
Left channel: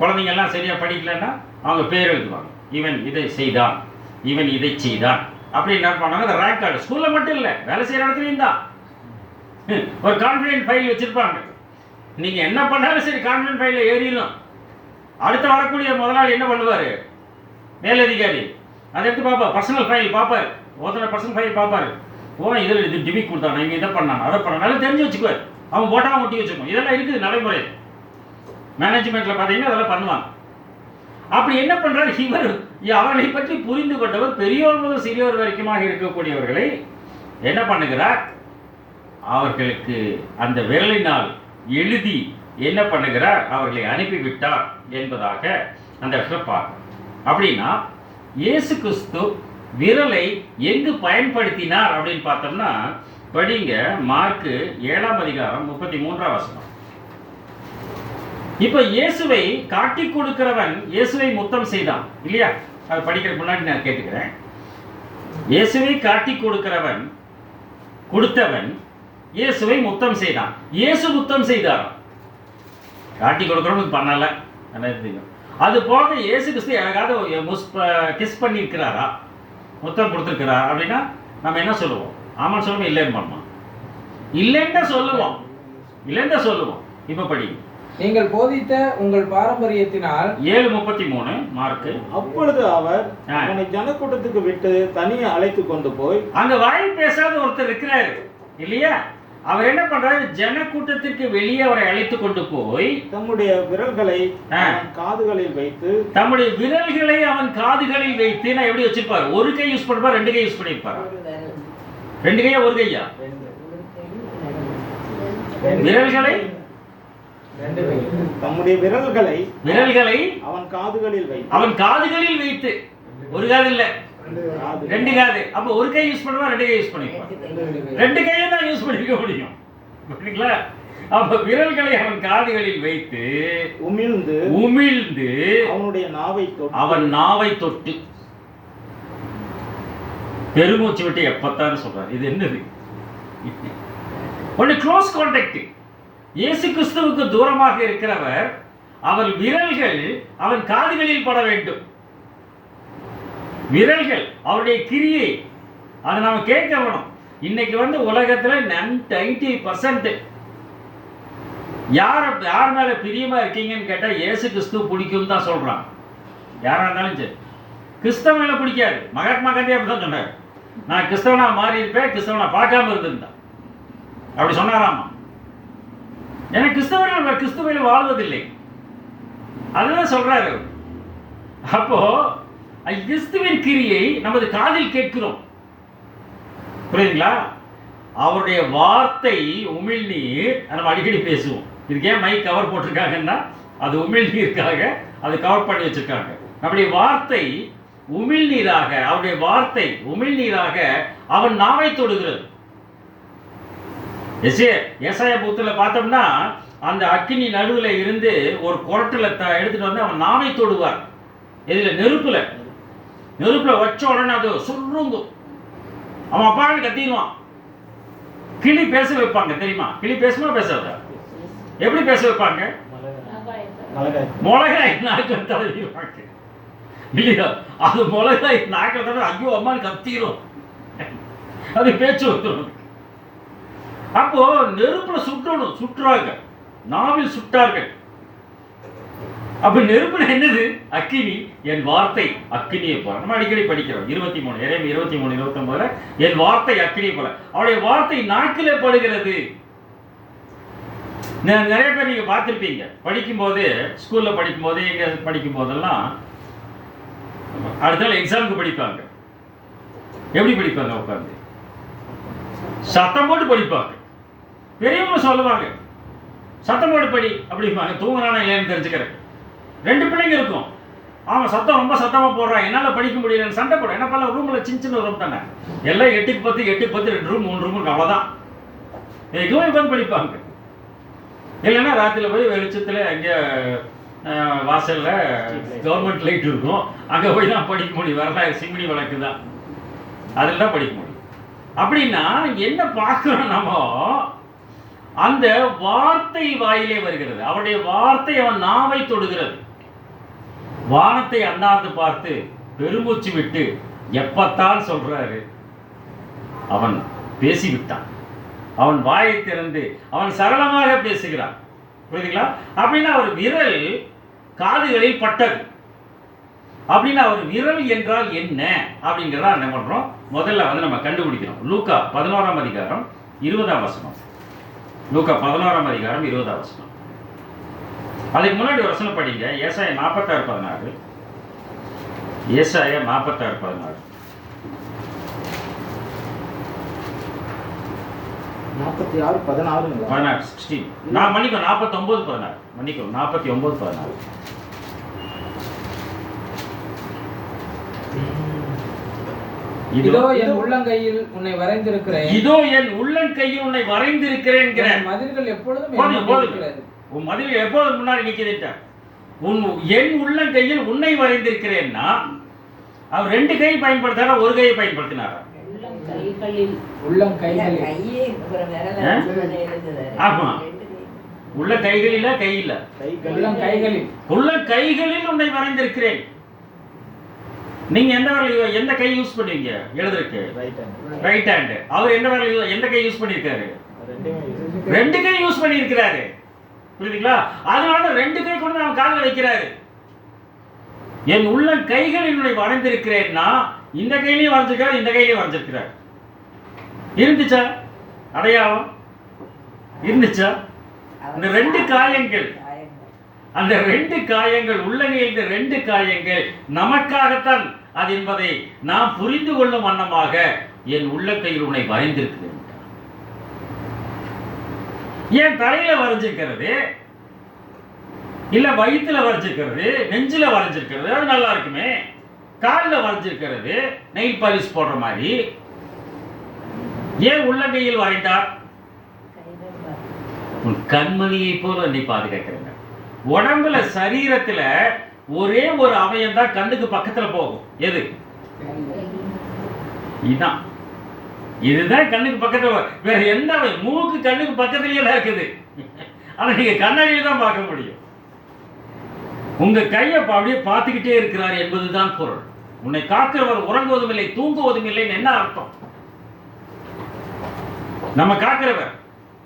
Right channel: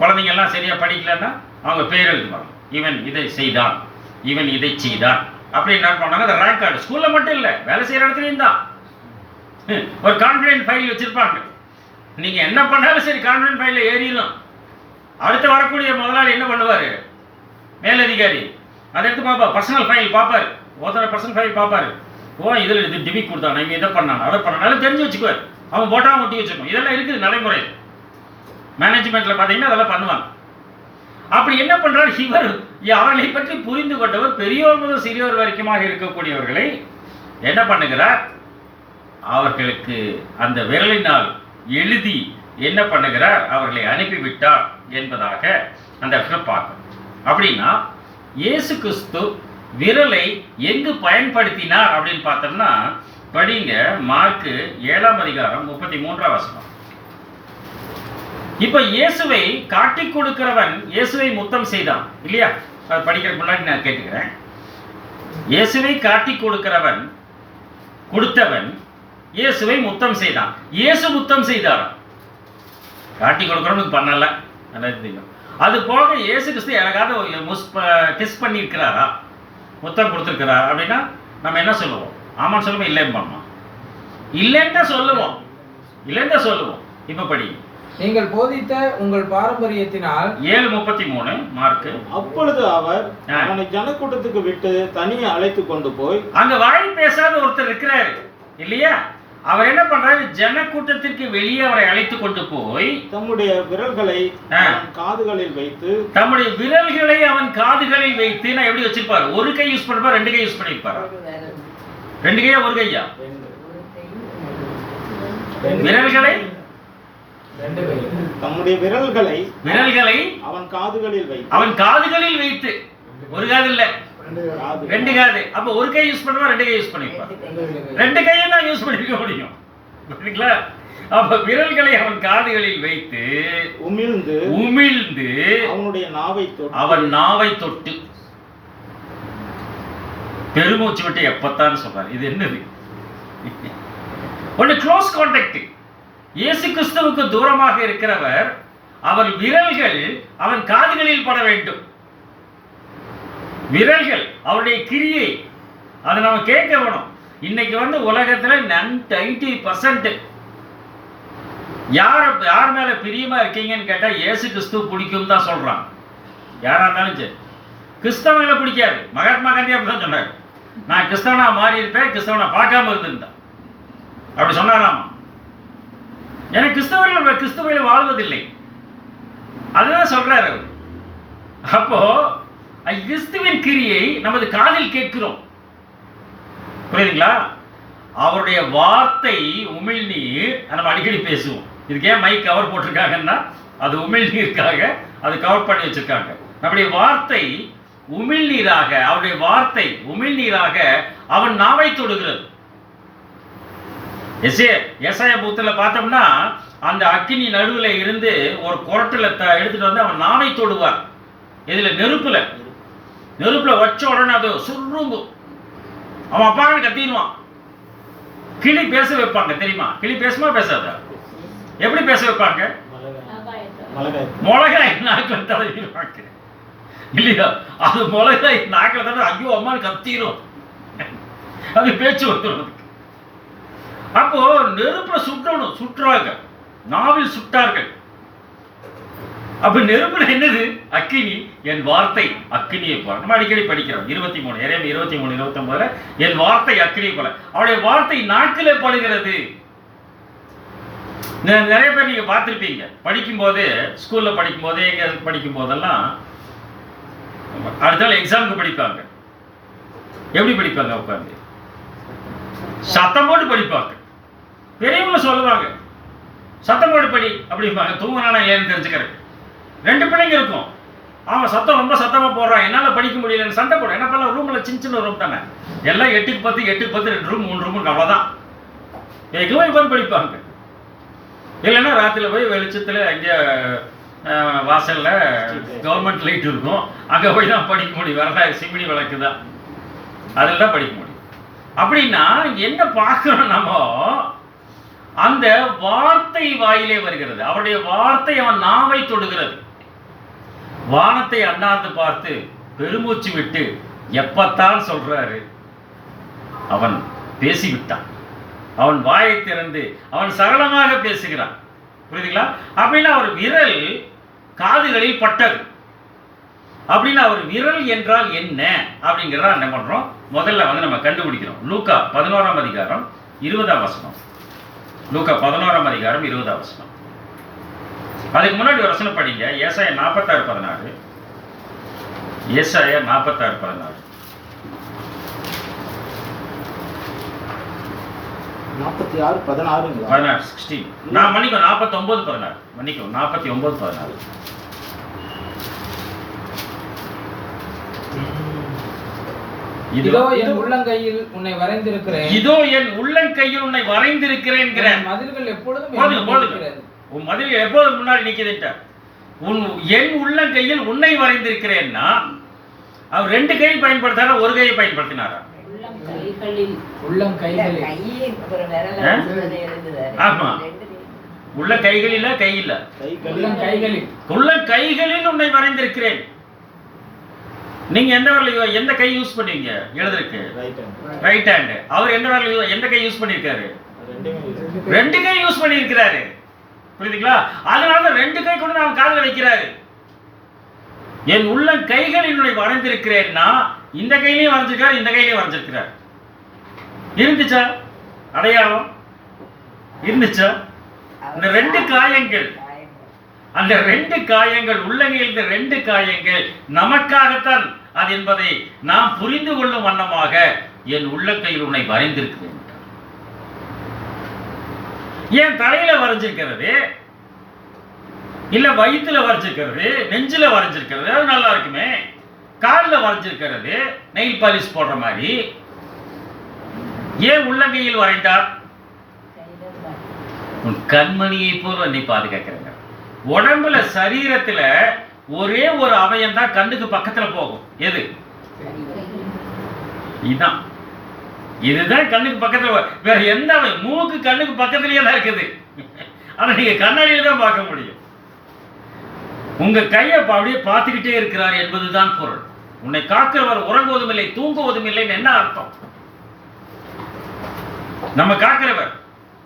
குழந்தைங்க எல்லாம் சரியா படிக்கலன்னா அவங்க பேர் எழுதுவாங்க. இவன் இதை செய்தான், இவன் இதை செய்தான் அப்படி என்ன பண்ணாங்க? அந்த ரேங்க் கார்டு ஸ்கூல்ல மட்டும் இல்லை, வேலை செய்யற இடத்துலையும் தான் ஒரு கான்ஃபிடென்ட் ஃபைல் வச்சிருப்பாங்க. நீங்க என்ன பண்ணாலும் சரி கான்ஃபிடென்ட் ஃபைல்ல ஏறிடும். அடுத்து வரக்கூடிய முதலாளி என்ன பண்ணுவாரு? மேலதிகாரி அதை எடுத்து பார்ப்பா, பர்சனல் ஃபைல் பார்ப்பாரு. பர்சனல் ஃபைல் பார்ப்பாரு. இதுல இது டிபி கொடுத்தாங்க, இங்க இதை பண்ணாங்க, அதை பண்ணாலும் தெரிஞ்சு வச்சுக்குவார். அவன் போட்டா ஒட்டி வச்சுக்கணும். இதெல்லாம் இருக்குது நடைமுறை. மேனேஜ்மெண்ட்ல பாத்தீங்கன்னா அதெல்லாம் பண்ணுவாங்க. அப்படி என்ன பண்றாரு இவர்? அவர்களை பற்றி புரிந்து கொண்டவர் பெரியோர் முதல் சிறியோர் வரைக்குமாக இருக்கக்கூடியவர்களை என்ன பண்ணுகிறார்? அவர்களுக்கு அந்த விரலினால் எழுதி என்ன பண்ணுகிறார்? அவர்களை அனுப்பிவிட்டார் என்பதாக அந்த பார்க்க. அப்படின்னா இயேசு கிறிஸ்து விரலை எங்கு பயன்படுத்தினார் அப்படின்னு பார்த்தோம்னா படிங்க மார்க்கு 7ஆம் அதிகாரம் 33ஆம் வசனம். இப்ப இயேசுவை காட்டி கொடுக்கிறவன் இயேசுவை முத்தம் செய்தான் இல்லையா? அது படிக்கிற முன்னாடி நான் கேட்டுக்கிறேன். இயேசுவை காட்டி கொடுத்தவன் இயேசுவை முத்தம் செய்தான். இயேசு முத்தம் செய்தார். காட்டி கொடுக்கிறவனுக்கு பண்ணல. அது போக இயேசு கிறிஸ்து எனக்காவது கிஸ் பண்ணி இருக்கிறாரா, முத்தம் கொடுத்துருக்கிறார் அப்படின்னா நம்ம என்ன சொல்லுவோம்? ஆமான்னு சொல்லுவோம், இல்லைன்னு பண்ணுவோம். இல்லைன்னு சொல்லுவோம். இப்ப படி. நீங்கள் போதித்த உங்கள் பாரம்பரியத்தினால் 7:33 மார்க். அப்பொழுது அவர் அவனை ஜனக்கூட்டத்துக்கு விட்டு தனியே அழைத்து கொண்டு போய், அங்க வாய் பேசாத ஒருத்தர் இருக்கிறாரு இல்லையா? அவர் என்ன பண்றாரு? ஜனக்கூட்டத்திற்கு வெளியே அவரை அழைத்து கொண்டு போய் தம்முடைய விரல்களை காதுகளில் வைத்து அவன் காதுகளில் வைத்து நான் எப்படி வச்சிருப்பாரு? ஒரு கை யூஸ் பண்ணிருப்பாரு, 2 கை யூஸ் பண்ணிருப்பாரு. 2 கையா ஒரு கையா? விரல்களை தம்முடைய விரல்களை அவன் காதுகளில் வைத்து ஒரு காது இல்ல 2 காது. அப்ப ஒரு கை யூஸ் பண்ணுவா, 2 கை யூஸ் பண்ணிருப்பார். 2 கையை தான் யூஸ் பண்ணிருக்க முடியும். புரியுங்களா? அப்ப விரல்களை அவன் காதுகளில் வைத்து உமிழ்ந்து அவன் நாவை தொட்டு பெருமூச்சு விட்டு எப்பத்தான் சொல்றாரு. இது என்னது? ஒன்று க்ளோஸ் கான்டாக்ட். இயேசு கிறிஸ்துவுக்கு தூரமாக இருக்கிறவர், அவர் விரல்கள் அவன் காதுகளில் பட வேண்டும். விரல்கள் அவருடைய கிரியை அதை நம்ம கேட்க வேணும். இன்னைக்கு வந்து உலகத்துல 90% யார் மேல பிரியமா இருக்கீங்கன்னு கேட்டா இயேசு கிறிஸ்து பிடிக்கும் தான் சொல்றாங்க. யாரா இருந்தாலும் சரி. கிறிஸ்தவனை பிடிக்காது. மகாத்மா காந்தி அப்படிதான் சொன்னார். நான் கிறிஸ்தவனா மாறி இருப்பேன், கிறிஸ்தவனா பார்க்காம இருந்திருந்தேன் அப்படி சொன்னாராமா. ஏன்னா கிறிஸ்தவர்கள் வாழ்வதில்லை, அதுதான் சொல்றாரு. அப்போ கிறிஸ்துவின் கிரியை நமது காதில் கேட்கிறோம். புரியுதுங்களா? அவருடைய வார்த்தை உமிழ்நீர், நம்ம அடிக்கடி பேசுவோம். இதுக்கு ஏன் மைக் கவர் போட்டிருக்காங்கன்னா அது உமிழ்நீருக்காக அது கவர் பண்ணி வச்சிருக்காங்க. நம்முடைய வார்த்தை உமிழ்நீராக, அவருடைய வார்த்தை உமிழ்நீராக அவன் நாவை தொடுகிறது. ஏசாயா புத்தகத்துல பார்த்தோம்னா அந்த அக்கினி நடுவுல இருந்து ஒரு குரட்டில எடுத்துட்டு வந்து அவன் நாவை தொடுவார். இதுல நெருப்புல வச்ச உடனே அது சுருங்கும். அவன் அப்பாவை கத்திடுவான். கிளி பேச வைப்பாங்க தெரியுமா? கிளி பேசுமா பேசாத? எப்படி பேச வைப்பாங்க? மிளகாய் நாக்கில் தடவிடுவாங்க இல்லையா? அது மிளகாய் நாக்கில் தடவை ஐயோ அம்மான்னு கத்திரும். அது பேச்சு வந்துடும். அப்போ நெருப்புல சுட்டுறாங்க, நாவில் சுட்டார்கள். அப்ப நெருப்புல என்னது? அக்கினி. என் வார்த்தை அக்கினியை போல. நம்ம அடிக்கடி படிக்கிறோம் 23 23 என் வார்த்தை அக்கினியை போல. அவருடைய வார்த்தை நாக்கிலே படுகிறது. நிறைய பேர் நீங்க பார்த்திருப்பீங்க, படிக்கும்போது ஸ்கூல்ல படிக்கும்போது எங்க படிக்கும் போதெல்லாம் அடுத்த நாள் எக்ஸாமுக்கு படிப்பாங்க. எப்படி படிப்பாங்க? உட்காந்து சத்தம் போட்டு படிப்பாங்க. பெரியவங்க சொல்லுவாங்க சத்தம் போட்டு படி அப்படிம்பாங்க. தூங்கினானா இல்லைன்னு தெரிஞ்சுக்கிறேன். 2 பிள்ளைங்க இருக்கும். அவன் சத்தம் ரொம்ப சத்தமா போடுறான், என்னால படிக்க முடியலன்னு சண்டை போட. என்ன பண்ணலாம்? ரூம்ல சின்ன ரூம் தானே, எல்லாம் 8க்கு 10 2 ரூம் 3 ரூம் அவ்வளவுதான். எதுவும் உட்காந்து படிப்பாங்க. இல்லைன்னா ராத்திரில போய் வெளிச்சத்துல எங்க வாசல்ல கவர்மெண்ட் லைட் இருக்கும், அங்க போய் தான் படிக்க முடியும். வேற சிமினி விளக்கு தான், அதில் தான் படிக்க முடியும். அப்படின்னா என்ன பார்க்கணும்? நம்ம அந்த வார்த்தை வாயிலே வருகிறது. அவருடைய வார்த்தை அவன் நாவை தொடுகிறது. வானத்தை அண்ணாந்து பார்த்து பெருமூச்சு விட்டு எப்பத்தான் சொல்றாரு, அவன் பேசிவிட்டான். அவன் வாயை திறந்து அவன் சரளமாக பேசுகிறான். புரியுதுங்களா? அப்படின்னா அவர் விரல் காதுகளில் பட்டது. அப்படின்னா அவர் விரல் என்றால் என்ன அப்படிங்கிறத என்ன பண்றோம்? முதல்ல வந்து நம்ம கண்டுபிடிக்கிறோம். லூக்கா 11ஆம் அதிகாரம் 20ஆம் வசனம். லூக்கா 11ஆம் அதிகாரம் 20ஆம் வசனம். அதுக்கு முன்னாடி ஒரு வசனம் படிங்க. ஏசாயா 46:16. ஏசாயா 46:16. 46:16. நான் மன்னிக்கும் 49:16. மன்னிக்கும் 49:16. இதோ என் உள்ளங்கையில் உன்னை வரைந்திருக்கிறேன். இதோ என் உள்ளங்கையில் உன்னை வரைந்திருக்கிறேன். மதில்கள் எப்பொழுதும் உன் மதில் எப்போதும் முன்னாடி நிக்குதுட்ட. என் உள்ளங்கையில் உன்னை வரைந்திருக்கிறேன்னா அவர் 2 கையை பயன்படுத்தாரா, ஒரு கையை பயன்படுத்தினாரா? உள்ளங்கைகளில். ஆமா, உள்ள கைகளில் கை இல்ல, உள்ளங்கைகளில் உன்னை வரைந்திருக்கிறேன். நீங்க எந்த கை யூஸ் பண்ணுவீங்க எழுதுறதுக்கு? Right hand. அவர் எந்த கை யூஸ் பண்ணிருக்காரு? 2 கை யூஸ் பண்ணிருக்கிறாரு. புரியுதுங்களா? அதனால 2 கை கொண்டு அவன் காதுல வைக்கிறாரு. என் உள்ள கைகளில் வரைந்திருக்கிறேன்னா இந்த கையிலையும் வரைஞ்சிருக்காரு, இந்த கையிலையும் வரைஞ்சிருக்கிறார். இருந்துச்சா அடையாளம்? இருந்துச்சா? அந்த 2 காயங்கள், அந்த 2 காயங்கள், உள்ளங்கையில் 2 காயங்கள் நமக்காகத்தான் அது என்பதை நாம் புரிந்து கொள்ளும் வண்ணமாக என் உள்ளங்கையில் உன்னை வரைந்திருக்கிறேன். ஏன் தலையில வரைஞ்சிருக்கிறது, இல்ல வயிற்றுல வரைஞ்சிருக்கிறது, நெஞ்சில வரைஞ்சிருக்கிறது, அது நல்லா இருக்குமே. காலில் வரைஞ்சிருக்கிறது நெயில் பாலிஷ் போடுற மாதிரி. ஏன் உள்ளங்கையில் வரைந்தார்? உன் கண்மணியை போல நீ பாதுகாக்கிறேங்க. உடம்புல சரீரத்துல ஒரே ஒரு அவயம் தான் கண்ணுக்கு பக்கத்துல போகும். எது? இதுதான். இதுதான் கண்ணுக்கு பக்கத்துல வேற எந்த மூக்கு கண்ணுக்கு பக்கத்துலயே தான் இருக்குது. ஆனா நீங்க கண்ணாடியில தான் பார்க்க முடியும். உங்க கையை அப்படியே பார்த்துக்கிட்டே இருக்கிறார் என்பதுதான் பொருள். உன்னை காக்கிறவர் உறங்குவதும் இல்லை தூங்குவதும் இல்லைன்னு என்ன அர்த்தம்? நம்ம காக்கிறவர்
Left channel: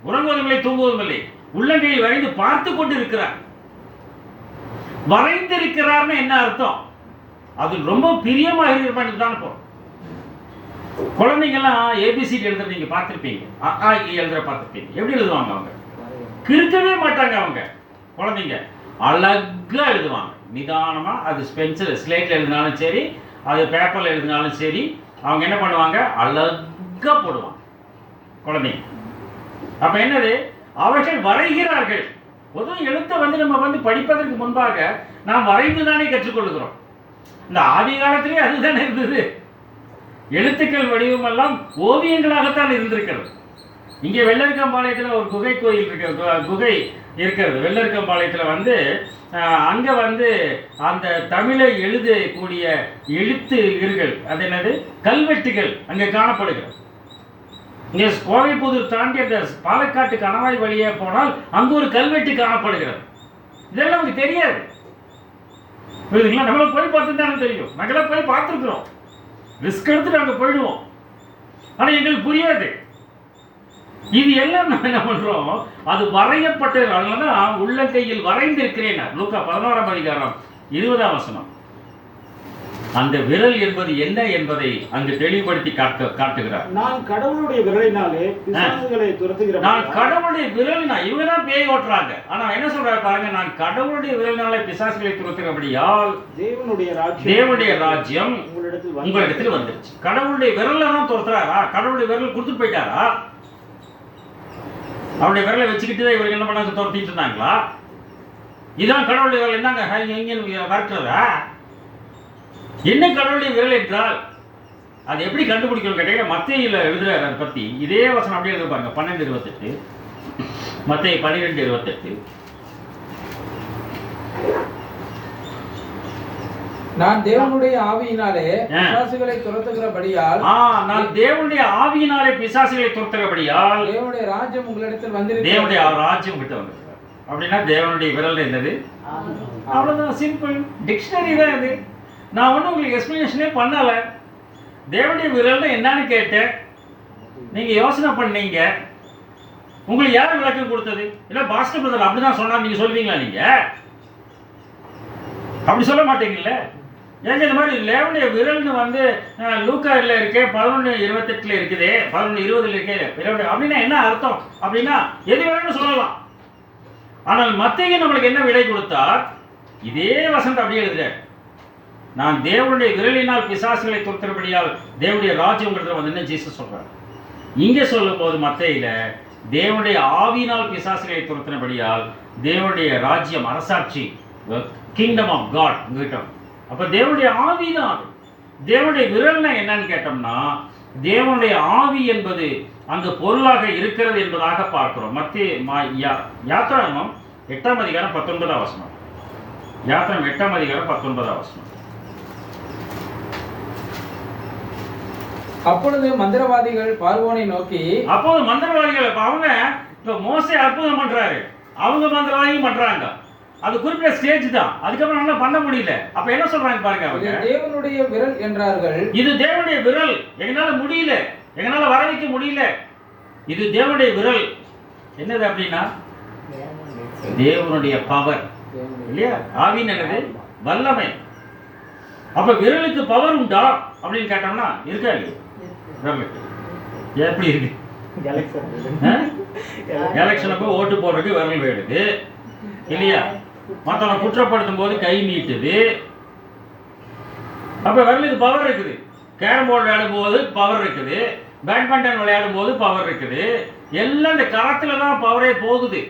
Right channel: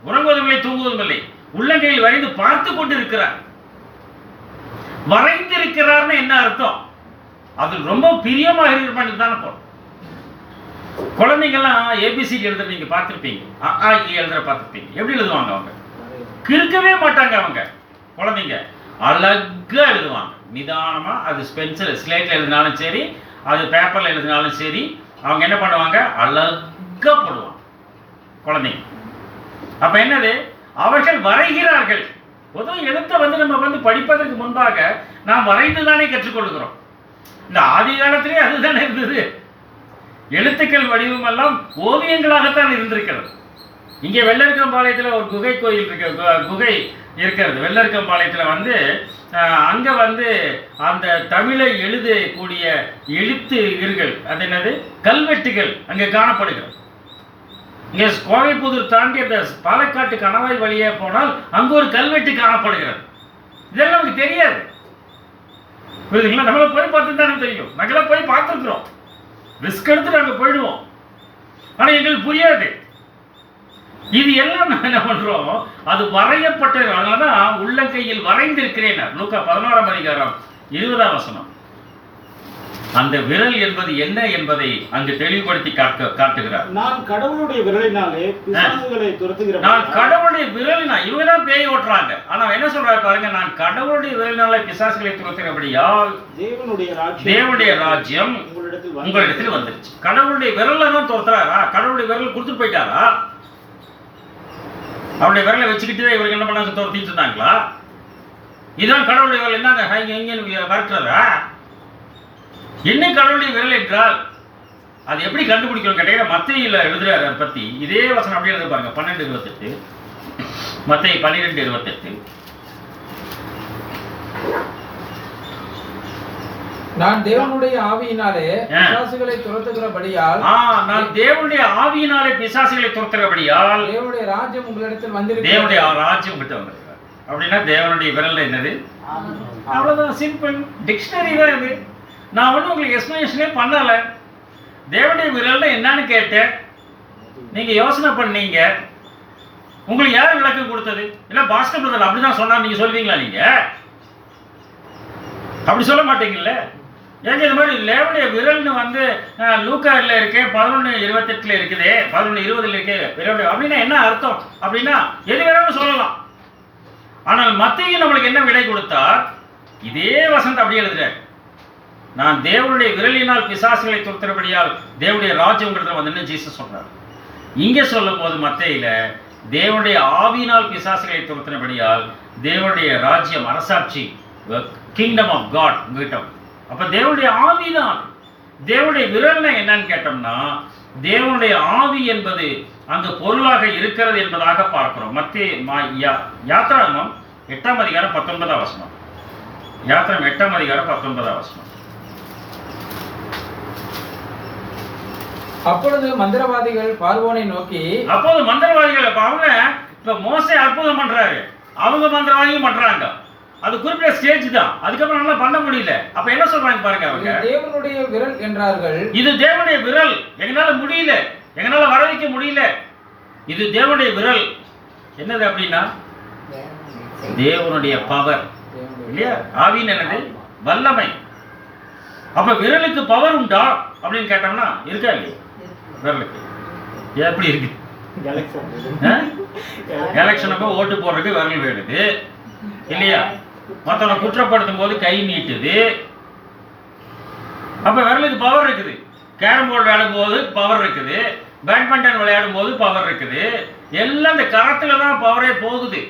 உறங்குவதும் இல்லை தூங்குவதும் இல்லை, உள்ளங்கையில் வரைந்து பார்த்து கொண்டு இருக்கிறார். வரைந்திருக்கிறார்னு என்ன அர்த்தம்? அது ரொம்ப பிரியமாக இருக்கிற தானே போறோம். குழந்தைங்கெல்லாம் ஏபிசிடி எழுத நீங்க பார்த்துருப்பீங்க, எழுதுற பார்த்துருப்பீங்க. எப்படி எழுதுவாங்க? அவங்க கிறுக்கவே மாட்டாங்க. அவங்க குழந்தைங்க அழகா எழுதுவாங்க, நிதானமா. அது பென்சில் ஸ்லேட்ல எழுதினாலும் சரி, அது பேப்பர்ல எழுதினாலும் சரி, அவங்க என்ன பண்ணுவாங்க? அழகா போடுவாங்க குழந்தைங்க. அப்ப என்னது? அவர்கள் வரைகிறார்கள். பொதுவாக எழுத்தை நம்ம படிப்பதற்கு முன்பாக நாம் வரைந்துதானே கற்றுக்கொள்கிறோம். இந்த ஆதி காலத்திலே அதுதானே இருந்தது. எழுத்துக்கள் வடிவம் எல்லாம் ஓவியங்களாகத்தான் இருந்திருக்கிறது. இங்கே வெள்ளரிக்கம்பாளையத்தில் ஒரு குகை கோயில் இருக்கு, குகை இருக்கிறது. வெள்ளரிக்கம்பாளையத்தில் அங்கே அந்த தமிழை எழுதக்கூடிய எழுத்துகள், அது என்னது, கல்வெட்டுகள் அங்கே காணப்படுகிறது. இங்கே கோவைப்புதூர் தாண்டி அந்த பாலக்காட்டு கணவாய் வழியே போனால் அங்கே ஒரு கல்வெட்டு காணப்படுகிறது. இதெல்லாம் நமக்கு தெரியாது, புரியுதுங்களா? நம்மள போய் பார்த்து தானே தெரியும். நாங்களாம் போய் பார்த்துருக்குறோம், ரிஸ்க் எடுத்துட்டு அங்கே போயிடுவோம். ஆனால் எங்களுக்கு புரியாது. இது எல்லாம் நம்ம என்ன பண்றோம்? அது வரையப்பட்டது. அதனாலதான் உள்ளங்கையில் வரைந்திருக்கிறேன். லூக்கா 11ஆம் அதிகாரம் 20ஆம் வசனம். அந்த விரல் என்பது என்ன என்பதை அங்கு தெளிவுபடுத்தி காட்டுகிறார். நான் கடவுளுடைய விரலினாலே பிசாசுகளை துரத்துகிறேன். நான் கடவுளுடைய விரலினா, இவங்க தான் பேய் ஓட்டுறாங்க. ஆனா என்ன சொல்றாரு பாருங்க, நான் கடவுளுடைய விரலினாலே பிசாசுகளை துரத்துகிறபடியால் தேவனுடைய ராஜ்யம் உங்களிடத்தில் வந்துருச்சு. கடவுளுடைய விரல்ல தான் துரத்துறாரா? கடவுளுடைய விரல் கொடுத்துட்டு போயிட்டாரா? அவருடைய விரலை வச்சுக்கிட்டு இவருக்கு என்ன பண்ணாங்க? துரத்திட்டு இருந்தாங்களா? இதான் கடவுளுடைய விரல். என்னங்க எங்க வரட்டுறா? என்ன கடவுளுடைய விரல் என்றால் அது எப்படி கண்டுபிடிக்கணும் கேட்டீங்கன்னா, மத்தேயில எழுதுறாரு அதை பத்தி. இதே வசனம் அப்படியே எழுத பாருங்க, 12:28. மத்தேயு 12:28. நான் தேவனுடைய ஆவியினாலே பிசாசுகளை துரத்துகிறபடியால், நான் தேவனுடைய ஆவியினாலே பிசாசுகளை துரத்துகிறபடியால் தேவனுடைய ராஜ்யம் உங்களிடத்தில் வந்திருக்கிறது. தேவனுடைய ராஜ்யம் கிட்ட வந்திருக்கார். அப்படின்னா தேவனுடைய விரல் என்னது? அவ்வளவுதான், சிம்பிள். டிக்ஷனரி தான் இது. நான் உங்களுக்கு எக்ஸ்பிளனேஷனே பண்ணல. தேவனுடைய விரல் என்னன்னு கேட்டேன், நீங்க யோசனை பண்ணீங்க. உங்களுக்கு யார் விளக்கம் கொடுத்தது? இல்ல பாஸ்கர் பிரதர் அப்படிதான் சொன்னா நீங்க சொல்லுவீங்களா? நீங்க அப்படி சொல்ல மாட்டீங்கல்ல. ஏங்க இந்த மாதிரி தேவனுடைய விரல்னு லூக்காவில் இருக்கு, 11:28 இருக்குது, 11:20 இருக்கு. அப்படின்னா என்ன அர்த்தம்? அப்படின்னா எது வேணும்னு சொல்லலாம். ஆனால் மத்தேயு நம்மளுக்கு என்ன விடை கொடுத்தார்? இதே வசனத்தை அப்படியே எழுதுறாரு. நான் தேவனுடைய விரலினால் பிசாசுகளை துரத்துறபடியால் தேவனுடைய ராஜ்யம்ங்கிறத ஜீசஸ் சொல்றார். இங்கே சொல்லும் போது மத்தேயில தேவனுடைய ஆவியினால் பிசாசுகளை துரத்தினபடியால் தேவனுடைய ராஜ்யம், அரசாட்சி, கிங்டம் ஆஃப் காட் உங்ககிட்ட. அப்ப தேவனுடைய ஆவி தான். தேவனுடைய விரல்னா என்னன்னு கேட்டோம்னா, தேவனுடைய ஆவி என்பது அங்கு பொருளாக இருக்கிறது என்பதாக பார்க்கிறோம். யாத்திராகமம் 8ஆம் அதிகாரம் 19ஆம் வசனம். யாத்திராகமம் 8ஆம் அதிகாரம் 19ஆம் வசனம். அப்பொழுது மந்திரவாதிகள் பார்வோனை நோக்கி, அப்போது மந்திரவாதிகள் அவங்க இப்ப மோசே அற்புதம் பண்றாரு, அவங்க மந்திரவாதியும் பண்றாங்க. அது குறிப்பிட்ட ஸ்டேஜ் தான், அதுக்கப்புறம் நல்லா பண்ண முடியல. அப்ப என்ன சொல்றாங்க பாருங்க, அவங்க தேவனுடைய விரல் என்றார்கள். இது தேவனுடைய விரல், எங்களால முடியல, எங்களால வர வைக்க முடியல. இது தேவனுடைய விரல். என்னது அப்படின்னா தேவனுடைய பவர் இல்லையா? ஆவின் என்னது? வல்லமை. அப்ப விரலுக்கு பவர் உண்டா அப்படின்னு கேட்டோம்னா இருக்கா இல்லையா? விரலுக்கு எப்படி இருக்கு? எலெக்ஷனுக்கு ஓட்டு போடுறதுக்கு விரல் வேணுது இல்லையா? மற்றவனை குற்றப்படுத்தும் போது கை நீட்டுது. அப்ப விரலுக்கு பவர் இருக்குது. கேரம் போர்டு விளையாடும் போது பவர் இருக்குது, பேட்மிண்டன் விளையாடும் போது பவர் இருக்குது. எல்லாம் இந்த கரத்துல தான் பவரே போகுது.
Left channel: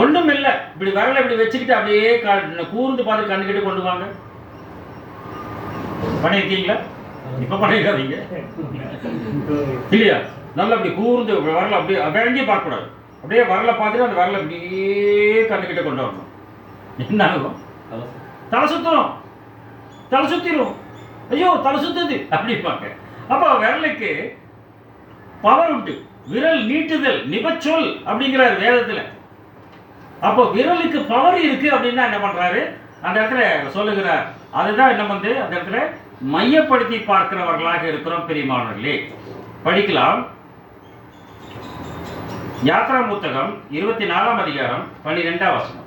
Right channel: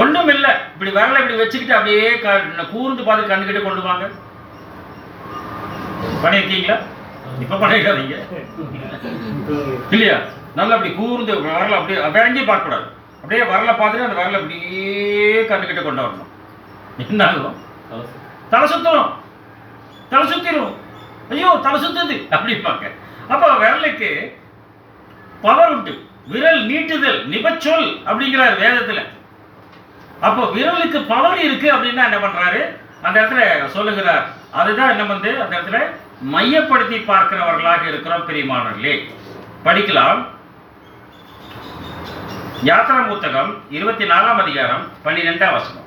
ஒண்ணும் இல்லை. இப்படி விரலை இப்படி வச்சுக்கிட்டு அப்படியே கூர்ந்து பார்த்து கண்ணுக்கிட்ட கொண்டு வாங்க. பண்ணிருக்கீங்களா? இப்ப பண்ணிருக்காதீங்க இல்லையா? நல்லா அப்படி கூர்ந்து விரல அப்படியே எங்கேயும் பார்க்க கூடாது. அப்படியே வரல பார்த்துட்டு அந்த வரல அப்படியே கண்ணுக்கிட்ட கொண்டு வரணும். என்ன ஆகும்? தலை சுத்தணும், தலை சுத்திரும். ஐயோ தலை சுத்துது அப்படிப்பாங்க. அப்போ விரலுக்கு பவர் உண்டு. விரல் நீட்டுதல் நிபச்சொல் அப்படிங்கிறார் வேதத்துல. அப்போ விரலுக்கு பவர் இருக்கு அப்படின்னா என்ன பண்றாரு அந்த இடத்துல சொல்லுகிறார். அதுதான் என்ன வந்து அந்த இடத்துல மையப்படுத்தி பார்க்கிறவர்களாக இருக்கிறோம் பிரியமானவர்களே. படிக்கலாம். யாத்ரா புத்தகம் 24ஆம் அதிகாரம் 12ஆம் வசனம்.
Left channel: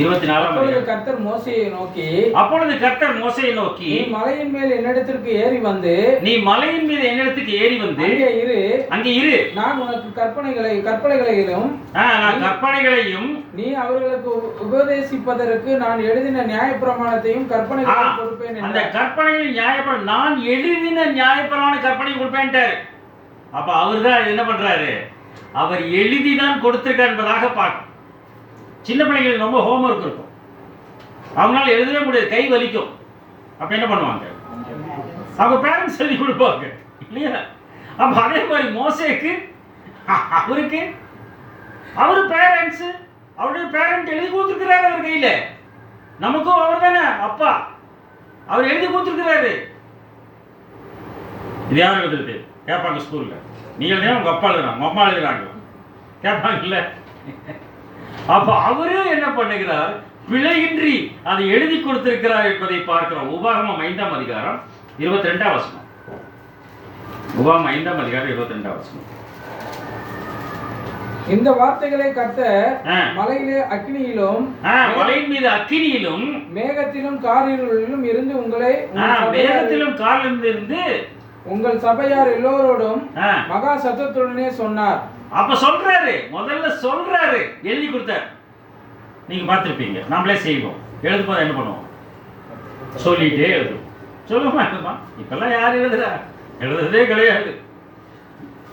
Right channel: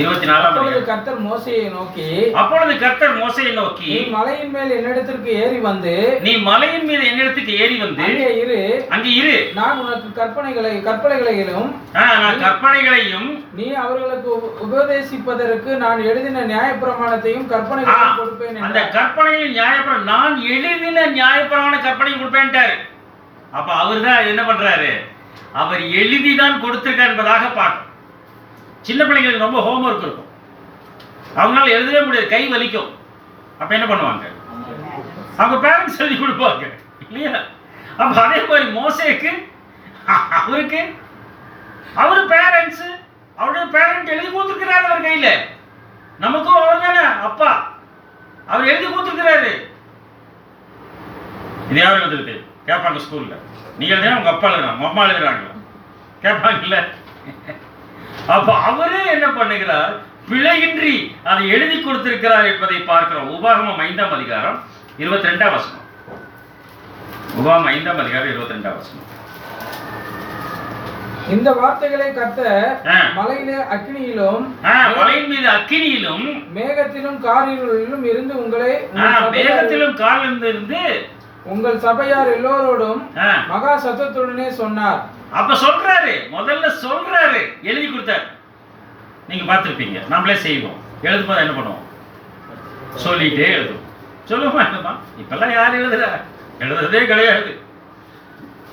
24ஆம் அப்பொழுது அதிகாரம். கர்த்தர் மோசேயை நோக்கி, அப்பொழுது கர்த்தர் மோசேயை நோக்கி, நீ மலையின் மேல் என்னிடத்திற்கு ஏறி வந்து, நீ மலையின் மீது என்னிடத்துக்கு ஏறி வந்து அங்கே இரு, நான் உனக்கு கற்பனைகளையும் நான் கற்பனைகளையும் நீ அவர்களுக்கு உபதேசிப்பதற்கு நான் எழுதின நியாயப்பிரமாணத்தையும் கற்பனைகளையும் கொடுப்பேன். அந்த கற்பனையில் நியாயப்பிரமாணம் நான் எழுதின நியாயப்பிரமாண கற்பனை கொடுப்பேன்ட்டாரு. அப்ப அவர் தான் என்ன பண்றாரு, அவர் எழுதிதான் கொடுத்திருக்கார் என்பதாக பார்க்கும். சின்ன பிள்ளைங்களுக்கு ரொம்ப ஹோம்ஒர்க் இருக்கும், அவங்களால எழுதவே முடியாது, கை வலிக்கும். அப்ப என்ன பண்ணுவாங்க, அவங்க பேரண்ட்ஸ் எழுதி கொடுப்பாங்க இல்லையா? அப்ப அதே மாதிரி மோசேக்கு அவருக்கு அவரு பேரண்ட்ஸ், அவருடைய பேரண்ட் எழுதி கொடுத்துருக்கிறாரு அவர் கையில. நமக்கும் அவர் தானே அப்பா, அவர் எழுதி கொடுத்துருக்கிறாரு. இது யாரும் எழுதுறது கேட்பாங்க ஸ்கூல்ல, நீ எழுதுனா உங்க அப்பா எழுதுறாங்க, உங்க அம்மா எழுதுறாங்க கேட்பாங்கல்ல. அப்ப அவரே என்ன பண்ணுகிறார், பிழையின்றி அதை எழுதி கொடுத்திருக்கிறார் என்பதை பார்க்கிறோம். உபாகமம் 5ஆம் அதிகாரம் 22ஆம் வசனம். உபாகமம் 5ஆம் அதிகாரம் 22ஆம் வசனம். இந்த வார்த்தைகளை கர்த்தர் மலையிலே அக்கினியிலும், மலையின் மீது அக்கினியிலும் மேகத்திலும் காரிருளிலும் இருந்து உங்களை, மேகத்திலும் காரிலிருந்து இருந்து உங்கள் சபையார் எல்லோரோடும் மகா சத்தத்துடனே சொன்னார். அப்ப சொல்றாரு, முதல்ல சொல்றாரு, எழுதி கொடுத்தார். நீங்க பார்த்திருப்பீங்க, நம்மளே செய்வோம். எழுதும் போது என்ன பண்ணுவோம், சொல்லிட்டே எழுதும். சொல்லுமா என்னமா, இப்பெல்லாம் யார் எழுதுறா, எழுதுறதே கிடையாது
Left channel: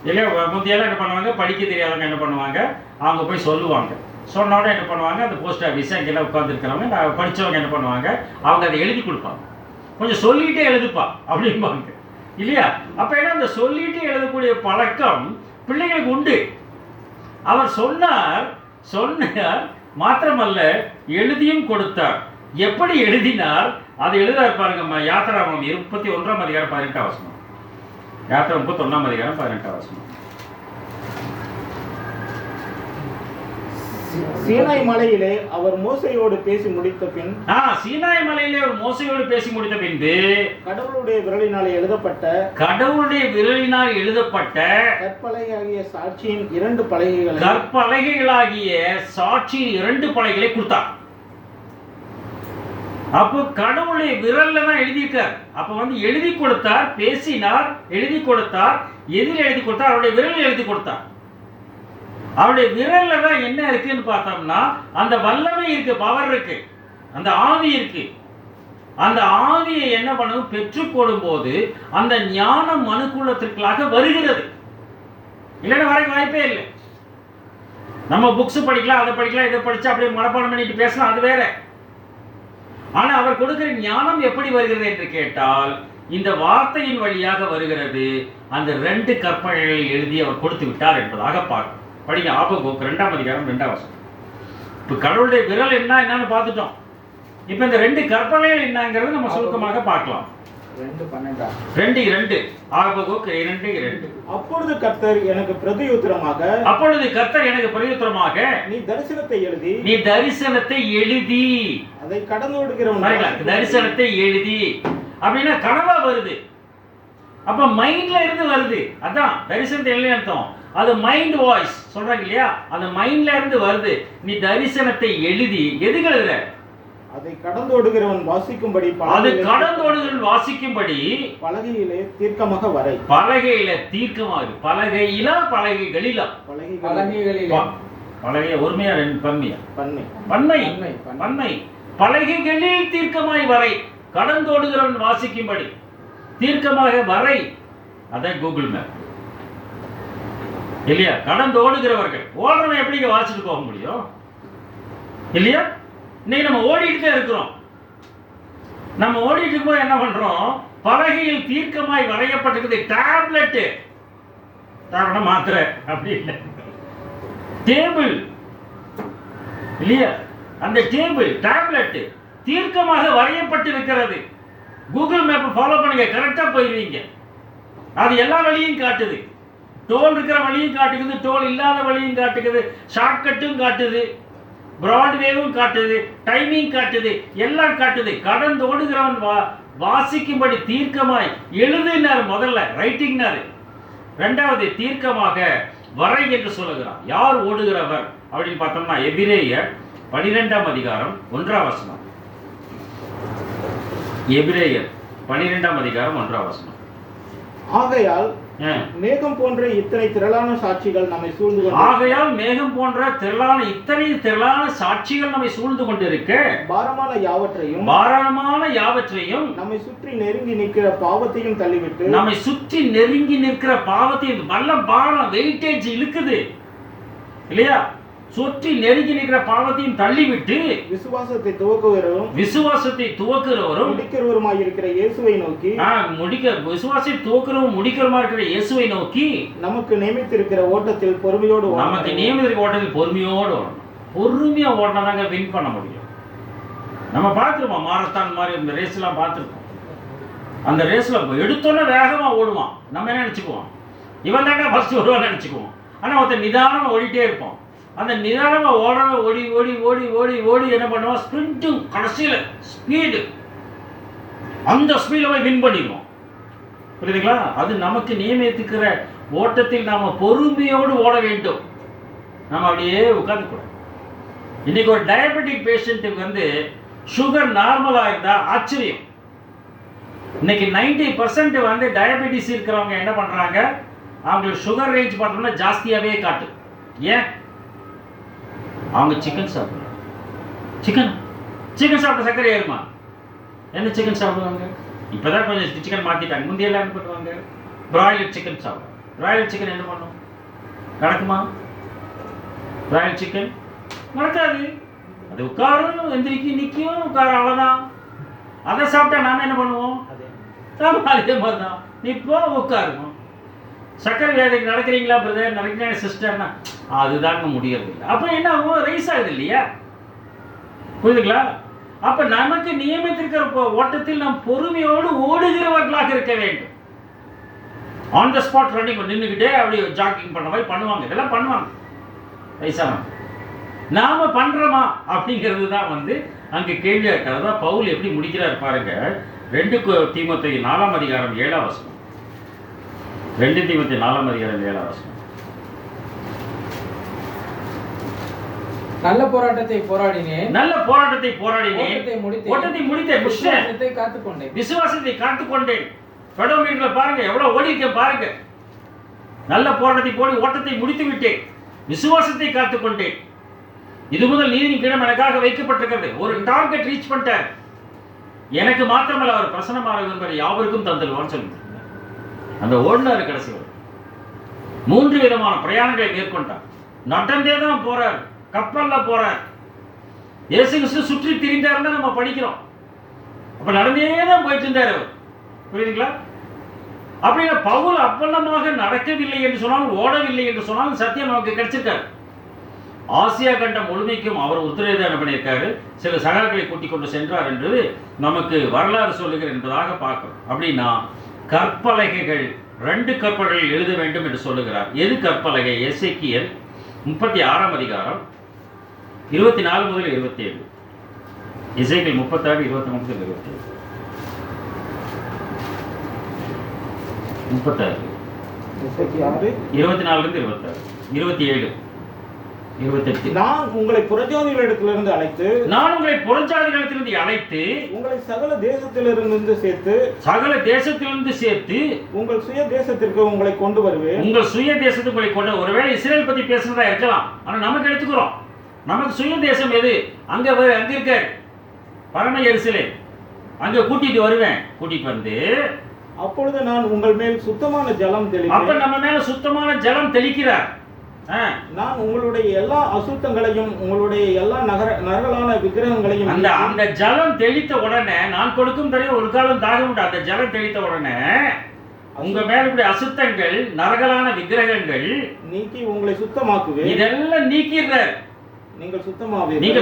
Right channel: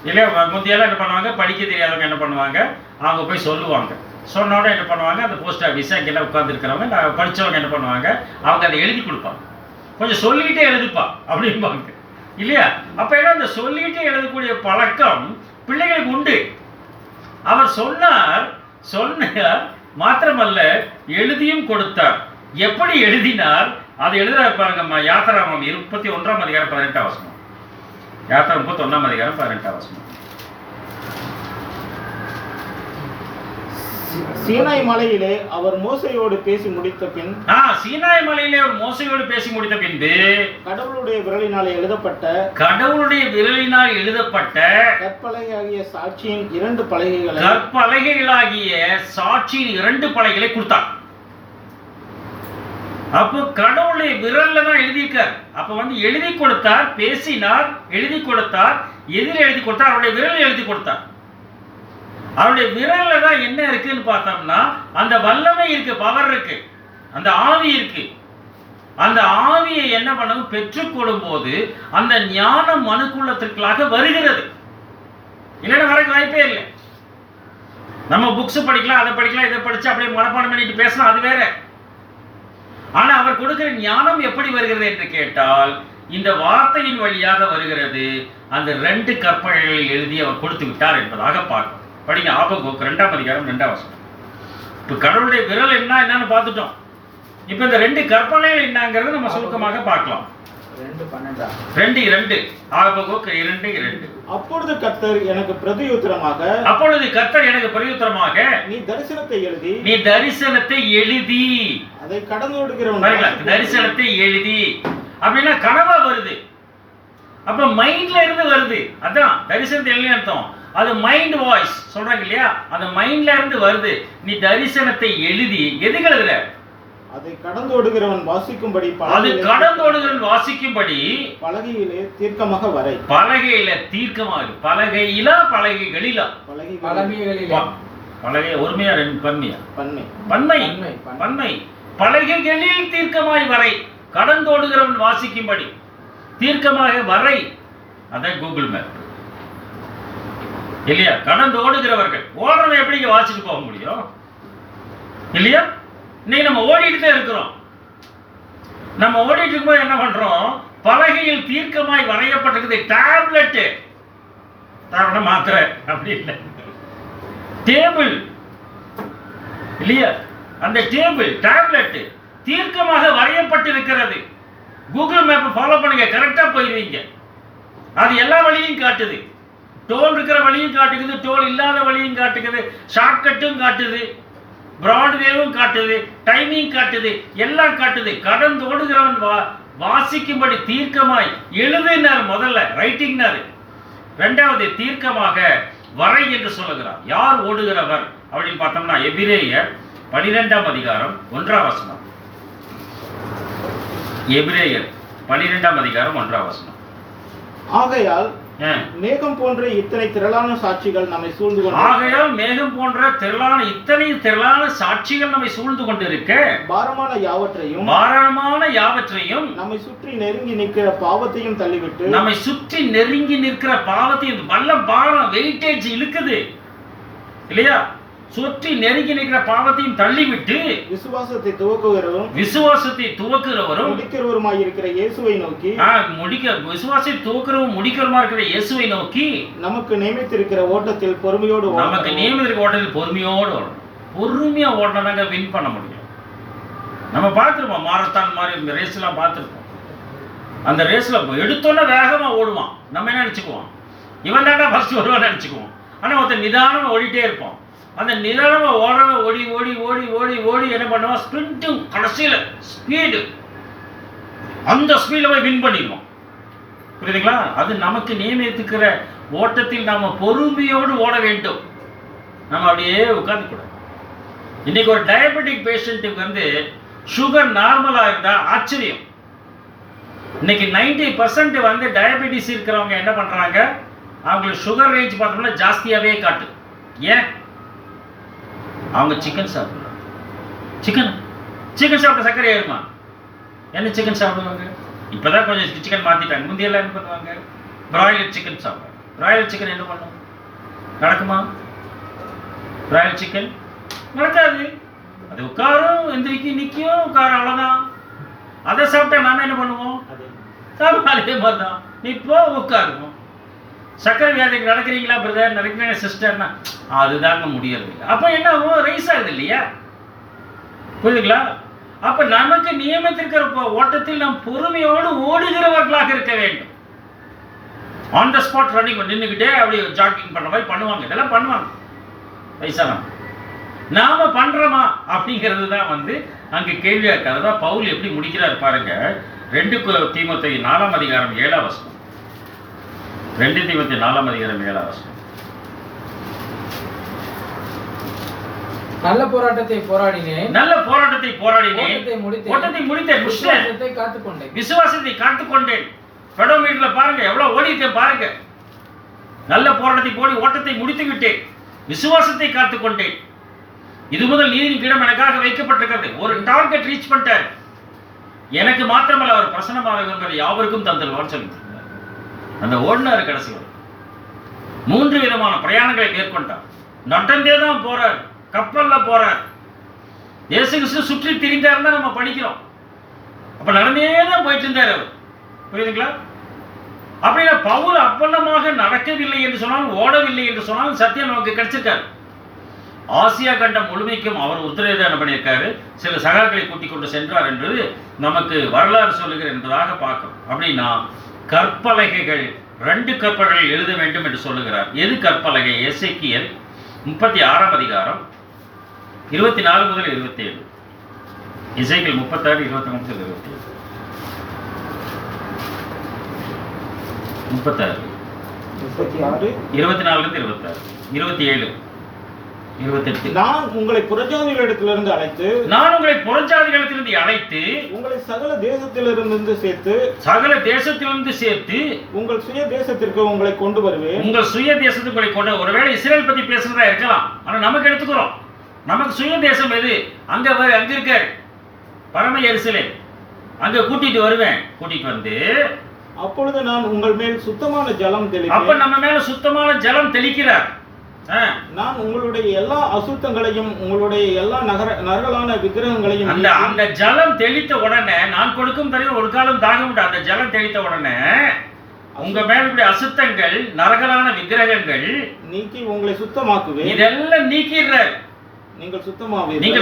இல்லையா? முந்தையெல்லாம் என்ன பண்ணுவாங்க, படிக்க தெரியாதவங்க என்ன பண்ணுவாங்க, அவங்க போய் சொல்லுவாங்க. சொன்னோட என்ன பண்ணுவாங்க, அந்த போஸ்ட் ஆஃபீஸ் அங்கெல்லாம் உட்காந்துருக்கிறவங்க படித்தவங்க என்ன பண்ணுவாங்க, அவங்க அதை எழுதி கொடுப்பாங்க. கொஞ்சம் சொல்லிகிட்டே எழுதுப்பா அப்படிம்பாங்க இல்லையா? அப்போ ஏன்னா அந்த சொல்லிகிட்டே எழுதக்கூடிய பழக்கம் பிள்ளைகளுக்கு உண்டு. அவர் சொன்னார் மாத்திரமல்ல, எழுதியும் கொடுத்தார். எப்படி எழுதினார், அதை எழுதுறாரு பாருங்கம்மா. யாத்திராமம் 31ஆம் அதிகாரம் 18ஆம் வசனம். யாத்திரா 31ஆம் அதிகாரம் 18ஆம் வசனம். சீனாய் மலையிலே அவர் மோசையோடு பேசி முடித்த பின், சீனாய் மலையிலே அவர் மோசையோடு பேசி முடித்த பின்பு கடவுளுடைய விரலினால் எழுதப்பட்ட கற்பலகையாகிய சாட்சியின் 2 பலகைகளை கொடுத்தார். அப்போ கடவுளுடைய விரல்ல தான் எழுதியிருக்கார். அப்ப வந்து எழுதி கொடுத்தார், பேசினார், எழுதி கொடுத்தார். எதில் எழுதி கொடுத்தார், அவருடைய விரல் எழுதி கொடுத்தார். அவருடைய விரல்ல தான் என்ன இருக்குன்னு பார்த்தோம்னா, அந்த வல்லமை இருக்கு, பவர் இருக்கு, அந்த ஆவி இருக்கு. அந்த ஆவியை என்ன பண்ணணும், பெற்றுக்கொள்ளும் போது அந்த ஞானம் மனுக்குள்ளத்திற்காக வருகிறது. இல்லைன்னா வர வாய்ப்பே இல்லை. நம்ம புக்ஸ் படிக்கலாம், அதை படிக்கலாம், இதை படிச்சு அப்படியே மனப்பாடம் பண்ணிட்டு பேசலாம், அது வேற. ஆனா அவர் கொடுக்கிற ஞானம் எப்படி வருகிறது என்று கேட்டால், இந்த வார்த்தையின் வழியாக வருகிறது. அந்த 2 கற்பனைகளை எழுதி அவர் கொடுத்து விட்டார் என்பதாக பார்க்கும். படிங்க ஆபகுக் 2ஆம் அதிகாரம் 2ஆம் வசனம். இப்போ கடவுளுடைய விரல் என்னன்னு பார்த்துட்டோம். இப்போ இந்த 2 கற்பனைகள் என்னங்கிறது நம்ம சுருக்கமாக பார்க்கலாம். 2:12 ஆபகுக் 2:2. அப்பொழுது கர்த்தர் எனக்கு பிரதியுத்தரமாக, நீ தரிசனத்தை எழுதி அதை கடந்தோடுகிறவன், தரிசனத்தை எழுதி அப்படின்னா கனவா வருது. அப்ப மைண்ட்ல இருந்து வருது. அதான் தரிசனத்தை எழுதி அர்த்தம். அது மைண்ட் வாய்ஸ் சொல்றாங்க இல்லையா, அந்த மைண்ட்ல இருந்து வருது. நீ தரிசனத்தை எழுதி எதுக்கு எழுதுற, அதை கடந்தோடுகிறவன் வாசிக்கும்படி, பலகையிலே தீர்க்கமாக வரை. பலகையில தீர்க்கமாக, பலகைகளிலா பலகை ஒருமையா பன்மையா, பன்மை. பலகைகளில் தீர்க்கமாய் வரை, கடந்தோடுகிறவன் வாசிக்கும்படி தீர்க்கமாக வரை. அதான் கூகுள் மேப் இல்லையா? கடந்து ஓடுகிறவர்கள், ஓடுறவன் எப்படி வாசிட்டு போக முடியும் இல்லையா? இன்னைக்கு நம்ம ஓடிட்டு தான் இருக்கிறோம். நம்ம ஓடிட்டு இருக்கும்போது என்ன பண்றோம், பலகையில் தீர்க்கமாய் வரையப்பட்டிருக்குது. டேப்லெட் மாத்திரை அப்படி இல்லை, டேபிள் இல்லையா? அந்த டேபிள் டேப்லெட் தீர்க்கமாக வரையப்பட்டிருக்கிறது. கூகுள் மேப்பை ஃபாலோ பண்ணுங்க, கரெக்டாக போயிடுவீங்க. அது எல்லா வழியும் காட்டுது. டோல் இருக்கிற வழியும் காட்டுக்குது, டோல் இல்லாத வழியும் காட்டுக்குது, ஷார்ட்கட்டும் காட்டுது, பிராட்வேவும் காட்டுது, டைமிங் காட்டுது, எல்லாம் காட்டுது. கடந்தோடுகிறவன் வாசிக்கும்படி தீர்க்கமாய் எழுதினார். முதல்ல ரைட்டிங்னாரு, ரெண்டாவது தீர்க்கமாக வரை என்று சொல்லுகிறார். யார் ஓடுகிறவர் அப்படின்னு பார்த்தோம்னா எபிரேயர் 12ஆம் அதிகாரம் 1ஆம் வசனம். எபிரேயர் 12ஆம் அதிகாரம் 1ஆம் வசனம். ஆகையால் மேகம் போன்ற இத்தனை திரளான சாட்சிகள் நம்மை சூழ்ந்து கொண்டு ஆகையால் மேகம் போன்ற இத்தனை திரளான சாட்சிகள் நம்மை சூழ்ந்து கொண்டிருக்க பாரமான யாவற்றையும் நம்மை சுற்றி நெருங்கி நிற்கிற பாவத்தையும் தள்ளிவிட்டு நல்ல பாரம் வெயிட்டேஜ் இழுக்குது இல்லையா, சுற்றி நெருங்கி நிற்கிற பாவத்தையும் தள்ளிவிட்டு விசுவாசத்தை துவக்குகிறவரும் முடிக்கிறவருமாய் இருக்கிற இயேசுவை நோக்கி விசுவாசத்தை துவக்குறவும் முடிக்கிறவருமா இருக்கிற இயேசுவை நோக்கி நமக்கு நியமித்திருக்கிற ஓட்டத்தில் பொறுமையோடு ஓடணும். பொறுமையா ஓடனாங்க வின் பண்ண முடியும். நம்ம பார்த்துருப்போம், மாரத்தான் மாதிரி இந்த ரேஸ் எல்லாம் பார்த்துருப்போம். அந்த ரேஸ்ல எடுத்தோன்னே வேகமா ஓடுவான், நம்ம என்ன நினைச்சுக்குவோம், இவன் தாண்டா ஃபர்ஸ்ட் வருவான்னு நினைச்சுக்குவோம். ஆனா ஒருத்தர் நிதானமா ஓடிட்டே இருப்போம். அந்த நிதானமா ஓடி ஓடி ஓடி ஓடி ஓடி என்ன பண்ணுவோம், ஸ்பிரிண்ட்டும் கடைசியில் ஸ்பீடு, அந்த ஸ்பீடில் போய் வின் பண்ணிடுவோம். புரியுதுங்களா? அது நமக்கு நியமித்திருக்கிற ஓட்டத்தில் நாம பொறுமையோடு ஓட வேண்டும். நம்ம அப்படியே உட்காந்துக்கூடாது. இன்னைக்கு ஒரு டயபெட்டிக் பேஷண்ட்டுக்கு வந்து சுகர் நார்மலாக இருந்தா ஆச்சரியம். இன்னைக்கு 90% வந்து டயபெட்டிஸ் இருக்கிறவங்க என்ன பண்றாங்க, அவங்களுக்கு சுகர் ரேஞ்ச் பார்த்தோம்னா ஜாஸ்தியாகவே காட்டு. ஏன்? அவங்க சிக்கன் சாப்பிடுறாங்க. சிக்கன் சாப்பிட்ட சர்க்கரை ஏறுமா? என்ன சிக்கன் சாப்பிடுவாங்க? இப்போதான் கொஞ்சம் சிக்கன் மாற்றிட்டாங்க. முந்தையெல்லாம் என்ன பண்ணுவாங்க, பிராய்லர் சிக்கன் சாப்பிடுவாங்க. பிராய்லர் சிக்கன் என்ன பண்ணும், நடக்குமா? பிராய்லர் சிக்கன் நடக்காது. அது உட்காரும், எந்திரிக்கும், நிற்கும், உட்காரும், அவ்வளோதான். அதை சாப்பிட்டா நாம என்ன பண்ணுவோம், அதே மாதிரி தான் இப்போ உட்காருவோம். சக்கரை வியாதிக்கு நடக்கிறீங்களா பிரதர், நடக்கிறீங்க சிஸ்டர்னா அதுதாங்க முடியறது இல்லை. அப்போ என்ன ஆகும், ரைஸ் ஆகுது இல்லையா? புரியுதுங்களா? அப்ப நமக்கு நியமித்திருக்கிற ஓட்டத்தில் நாம் பொறுமையோடு ஓடுகிறவர்களாக இருக்க வேண்டும். ஆன் த ஸ்பாட் ரன்னிங் நின்றுக்கிட்டே அப்படி ஜாக்கிங் பண்ண மாதிரி பண்ணுவாங்க. இதெல்லாம் பண்ணுவாங்க வயசானவங்க. நாம பண்றோமா அப்படிங்கிறது தான் வந்து அங்க கேள்வியா இருக்காது. பவுல் எப்படி முடிக்கிறார் பாருங்க. 2 தீமோத்தேயு 4ஆம் அதிகாரம் 7ஆம் வசனம். 2 தீமோத்தேயு 4ஆம் அதிகாரம் 7ஆம் வசனம். நல்ல போராட்டத்தை போராடினேன், ஓட்டத்தை முடித்தேன், விசுவாசத்தை காத்துக்கொண்டேன். பெடோமீட்டர்ல பாருங்க எவ்வளவு ஓடிட்டேன் பாருங்க. நல்ல போராட்டத்தை போடி ஓட்டத்தை முடித்து விட்டேன், விசுவாசத்தை காத்துக்கொண்டேன். இது முதல் நீதியின் பீடம் எனக்காக வைக்கப்பட்டிருக்கிறது. ஒரு டார்கெட் ரீச் பண்ணிட்டார். எனக்கு மாத்திரமல்ல, அவர் பிரசன்னமாக விரும்புகிற யாவருக்கும் தந்தல்வான்னு சொல்லிட்டு அந்த ஓடினார். கடைசி 3 விதமான பிரயாணங்களை மேற்கொண்டார். நடந்தே தான் போறார், கப்பல்ல போறார். இயேசு கிறிஸ்து சுற்றி திரிந்தார் தான் நம்ம படிக்கிறோம். அப்ப நடந்தே தான் போயிட்டு இருந்தார் அவர். புரியுதுங்களா? அப்படின்னா பவுல் அப்பல்லமாக நடக்கவில்லை என்று சொன்னால், ஓடவில்லை என்று சொன்னால் சத்தியம் நமக்கு கிடைச்சிருக்காரு. ஆசியா கண்டம் முழுமைக்கும் அவர் உத்தரவாதம் பண்ணியிருக்காரு. சில சகாக்களை கூட்டிக் கொண்டு சென்றார் என்று நமக்கு வரலாறு சொல்லுகிற என்பதாக பார்க்கிறோம். அப்படின்னா கற்பலகைகள் 2 கற்பலகைகள் எழுத வேண்டும் என்று சொல்லுகிறார். எது கற்பலகை? எசேக்கியேல் 36ஆம் அதிகாரம் 24 முதல் 27. எசேக்கியேல் 36 24 முதல் 27. 36 24 26 27 28. நான் உங்களை புறஜாதிகளிடத்திலிருந்து அழைத்து உங்களை சகல தேசத்திலிருந்து சேர்த்து உங்கள் சுய தேசத்திற்கு உங்களை கொண்டு வருவேன். ஒருவேளை இஸ்ரேல் பத்தி பேசுறதா இருக்கலாம். ஆனா நமக்கு எடுத்துக்கிறோம். நமக்கு சுய தேசம் எது? அங்க இருக்காரு பரம எருசலேம். அங்க கூட்டிட்டு வருவேன். கூட்டிட்டு வந்து அப்பொழுது நான் உங்கள் மேல் சுத்தமான ஜலம் தெளிப்பேன். அப்ப நம்ம மேல சுத்தமான ஜலம் தெளிக்கிறார். நான் உங்களுடைய எல்லா அசுத்தங்களையும் உங்களுடைய எல்லா நரகலான விக்கிரகங்களையும் அந்த ஜலம் தெளித்த உடனே, நான் கொடுக்கும் தரையில் ஒரு காலம் தாகம் உண்டு. அந்த ஜலம் தெளித்த உடனே உங்க மேல அசுத்தங்கள், நரகலான விக்கிரகங்கள் நீக்கி உங்களை சுத்தமாக்குவேன். இதெல்லாம் நீக்கிறார். நீங்கள்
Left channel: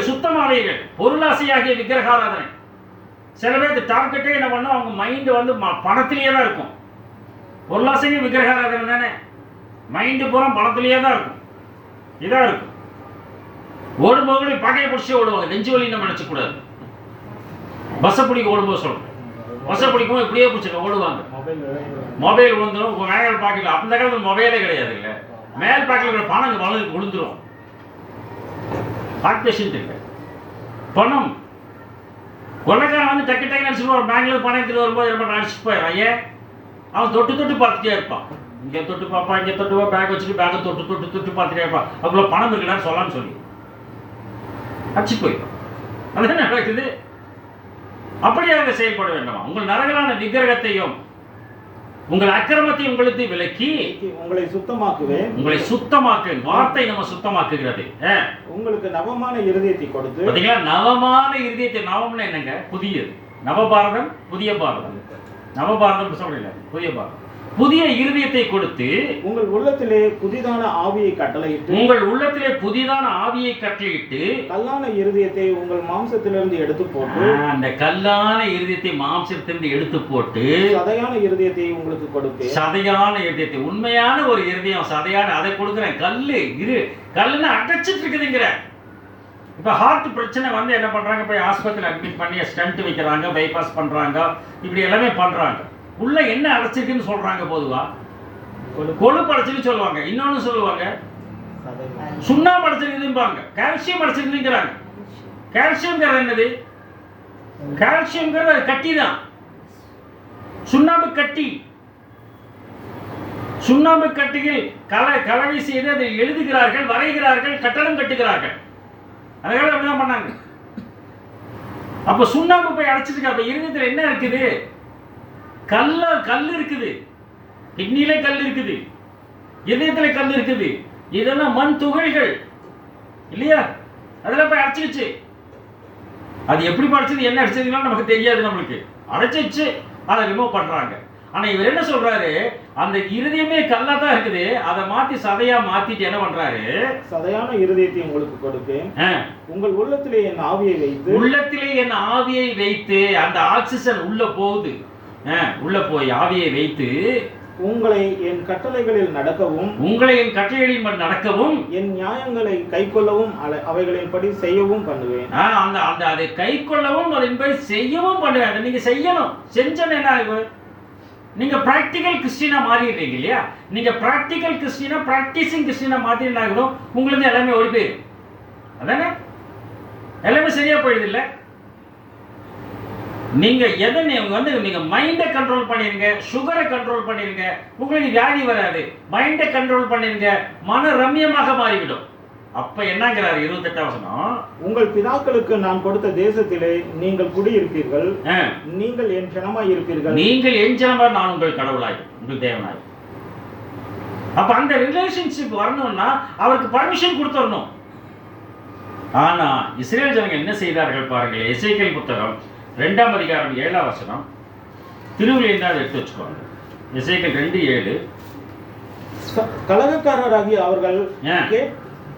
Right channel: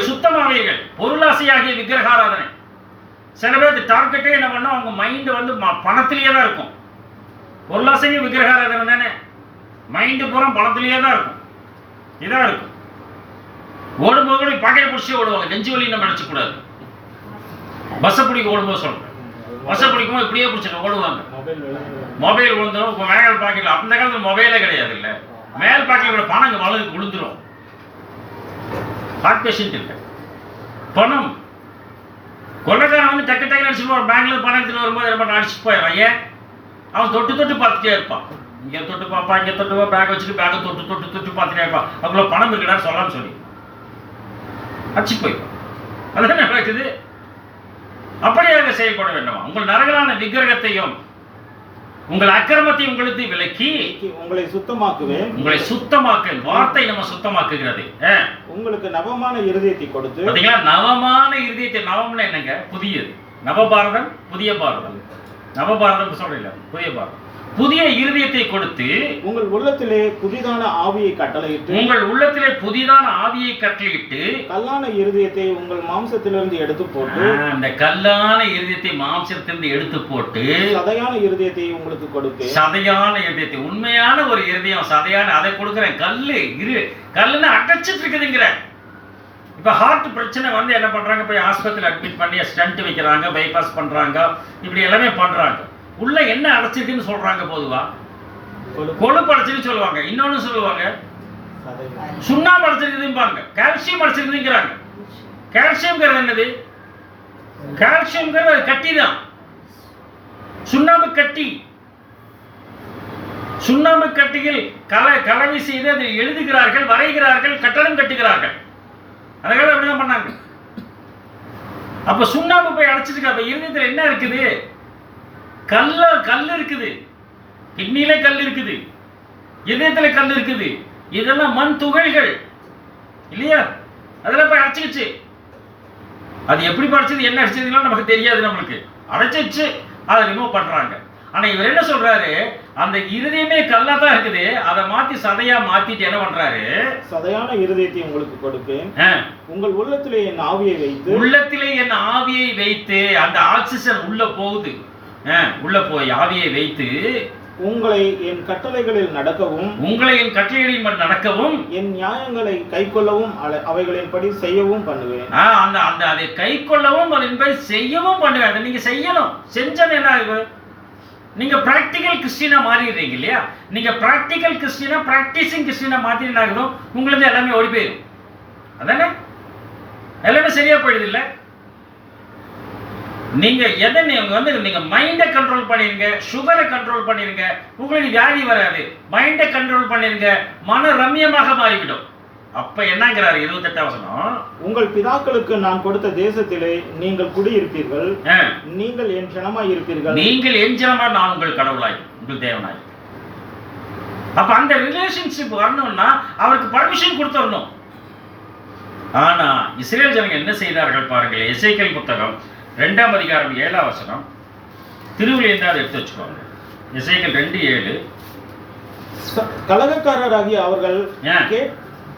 சுத்தமாவீர்கள். பொருளாசையாகிய விக்கிரகாராதனை சில பேர் டார்கெட்டே என்ன பண்ணோம், அவங்க மைண்டு வந்து பணத்திலேயே தான் இருக்கும். பொருளாசைங்க விக்கிரகாராதனை தானே, மைண்டு பூரா பணத்திலேயே தான் இருக்கும். இதாக இருக்கும். ஓடும்போது கூட பாக்கையை பிடிச்சி ஓடுவாங்க, நெஞ்சு வலி நம்ம நினச்சக்கூடாது. பஸ்ஸை பிடிக்க ஓடும்போது சொல்கிறோம், பஸ்ஸை பிடிக்கும் இப்படியே பிடிச்சிட்டு ஓடுவாங்க. மொபைல் விழுந்துடும். இப்போ மேல் பாக்கெட்டில், அந்த காலத்தில் மொபைலே கிடையாது இல்லை, மேல் பாக்கெட்டில் பணம் இங்கே வளர்ந்து விழுந்துடும். ஹார்ட் பேஷண்ட் இல்லை, பணம். கொள்ளைக்காரன் வந்து டக்கு டக்குன்னு அடிச்சுட்டு ஒரு பேங்க்ல பணம் எடுத்துட்டு வரும்போது ரொம்ப அடிச்சுட்டு போயிடறான். ஏன்? அவன் தொட்டு தொட்டு பார்த்துட்டே இருப்பான். இங்கே தொட்டு பார்ப்பான், இங்கே தொட்டு பேக் வச்சுட்டு பேக்கை தொட்டு தொட்டு தொட்டு பார்த்துட்டே இருப்பான். அவ்வளோ பணம் இருக்குடான்னு சொல்லான்னு சொல்லி அடிச்சு போயிடும். அதுதான் நடக்குது. அப்படியாக செயல்பட வேண்டுமா? உங்கள் நரகலான விக்கிரகத்தையும் உங்கள் அக்கிரமத்தை உங்களுக்கு விலக்கி உங்களை சுத்தமாக்குவேன். உங்களை சுத்தமாக்கு, வார்த்தை நம்ம சுத்தமாக்குகிறது. உங்களுக்கு நவமான இருதயத்தை கொடுத்து. பாத்தீங்களா, நவமான இருதயத்தை. நவம்னா என்னங்க? புதியது. நவபாரதம், புதிய பாரதம். நவபாரதம் சொல்றீங்க, புதிய பாரதம். புதிய இருதயத்தை கொடுத்து உங்கள் உள்ளத்திலே புதிதான ஆவியை கட்டளையிட்டு. உங்கள் உள்ளத்திலே புதிதான ஆவியை கட்டளையிட்டு கல்லான இருதயத்தை உங்கள் மாம்சத்திலிருந்து எடுத்து போட்டு. அந்த கல்லான இருதயத்தை மாம்சத்திலிருந்து எடுத்து போட்டு சதையான இருதயத்தை உங்களுக்கு கொடுத்து. சதையான இருதயத்தை, உண்மையான ஒரு இருதயம், சதையான, அதை கொடுக்குறேன். கல்லுன்னு அடைச்சிட்டு இருக்குதுங்கிற. இப்போ ஹார்ட் பிரச்சனை வந்து என்ன பண்றாங்க, போய் ஆஸ்பத்திரியில் அட்மிட் பண்ணி ஸ்டண்ட் வைக்கிறாங்க, பைபாஸ் பண்றாங்க, இப்படி எல்லாமே பண்றாங்க. உள்ள என்ன அடைச்சிருக்குன்னு சொல்றாங்க. பொதுவா கொழுப்பு அடைச்சிருக்கு சொல்லுவாங்க, இன்னொன்னு சொல்லுவாங்க சுண்ணாம்பு அடைச்சிருக்குதுன்னு பாருங்க, கால்சியம் அடைச்சிருக்குதுங்கிறாங்க. கால்சியம்ங்கிறது என்னது? கால்சியம்ங்கிறது கட்டி தான், சுண்ணாம்பு கட்டி. சுண்ணாம்பு கட்டிகள் கலவை செய்து அதை எழுதுகிறார்கள், வரைகிறார்கள், கட்டடம் கட்டுகிறார்கள். அதுக்காக அப்படிதான் பண்ணாங்க. அப்ப சுண்ணாம்பு போய் அடைச்சிருக்கு. அப்ப இருதயத்தில் என்ன இருக்குது? கல் இருக்குது, கிட்னியில கல் இருக்குது, இதயத்துல கல் இருக்குது. இதெல்லாம் மண் துகள்கள் இல்லையா? அதெல்லாம் போய் அடைச்சிக்கிச்சு. அது எப்படி படிச்சது, என்ன அடிச்சதுலாம் நமக்கு தெரியாது. நம்மளுக்கு அடைச்சிச்சு, அதை ரிமூவ் பண்றாங்க. ஆனா இவர் என்ன சொல்றாரு, அந்த இருதயமே கல்லா தான் இருக்குது, அதை மாத்தி சதையா மாத்திட்டு என்ன பண்றாரு? சதையான இருதயத்தை உங்களுக்கு கொடுப்பேன். உங்கள் உள்ளத்திலே என் ஆவியை வைத்து. உள்ளத்திலே என் ஆவியை வைத்து, அந்த ஆக்சிஜன் உள்ள போகுது. உள்ள போய் ஆவியை வைத்து உங்களை என் கட்டளைகளில் நடக்கவும். உங்களை என் கட்டளைகளில் நடக்கவும். என் நியாயங்களை கைக்கொள்ளவும் அவைகளின்படி செய்யவும் பண்ணுவேன். அந்த அந்த அதை கைக்கொள்ளவும் அதன்படி செய்யவும் பண்ணுவேன். அதை நீங்க செய்யணும். செஞ்சது என்ன ஆகும்? நீங்க பிராக்டிக்கல் கிறிஸ்டியனா மாறிடுறீங்க இல்லையா? நீங்க பிராக்டிக்கல் கிறிஸ்டியனா, பிராக்டிசிங் கிறிஸ்டியனா மாத்தி என்ன ஆகும்? உங்களுக்கு எல்லாமே ஓடி போயிடும். அதானே? எல்லாமே சரியா போயிடுது இல்ல? நீங்க எதை நீங்க மைண்டை கண்ட்ரோல் பண்ணிருங்க, சுகரை கண்ட்ரோல் பண்ணிருங்க, உங்களுக்கு வியாதி வராது. மைண்டை கண்ட்ரோல் பண்ணிருங்க, மன ரம்யமாக மாறிவிடும். அப்ப என்னங்கிறார் 28ஆம் வசனம், உங்கள் பிதாக்களுக்கு நான் கொடுத்த தேசத்திலே நீங்கள் குடியிருப்பீர்கள், நீங்கள் என் ஜனமாய் இருப்பீர்கள். நீங்கள் என் ஜனமாய், நான் உங்கள் கடவுளாய், உங்கள் தேவனாய். அப்ப அந்த ரிலேஷன்ஷிப் வரணும்னா அவருக்கு பர்மிஷன் கொடுத்துடணும். ஆனா இஸ்ரேல் ஜனங்க என்ன செய்தார்கள் பாருங்கள். எசேக்கியேல் புத்தகம் 2ஆம் அதிகாரம் 7ஆம் வசனம், திருவிழியந்தான் அதை எடுத்து வச்சுக்கோங்க. எசேக்கியேல் 2:7. கலகக்காரராகி அவர்கள்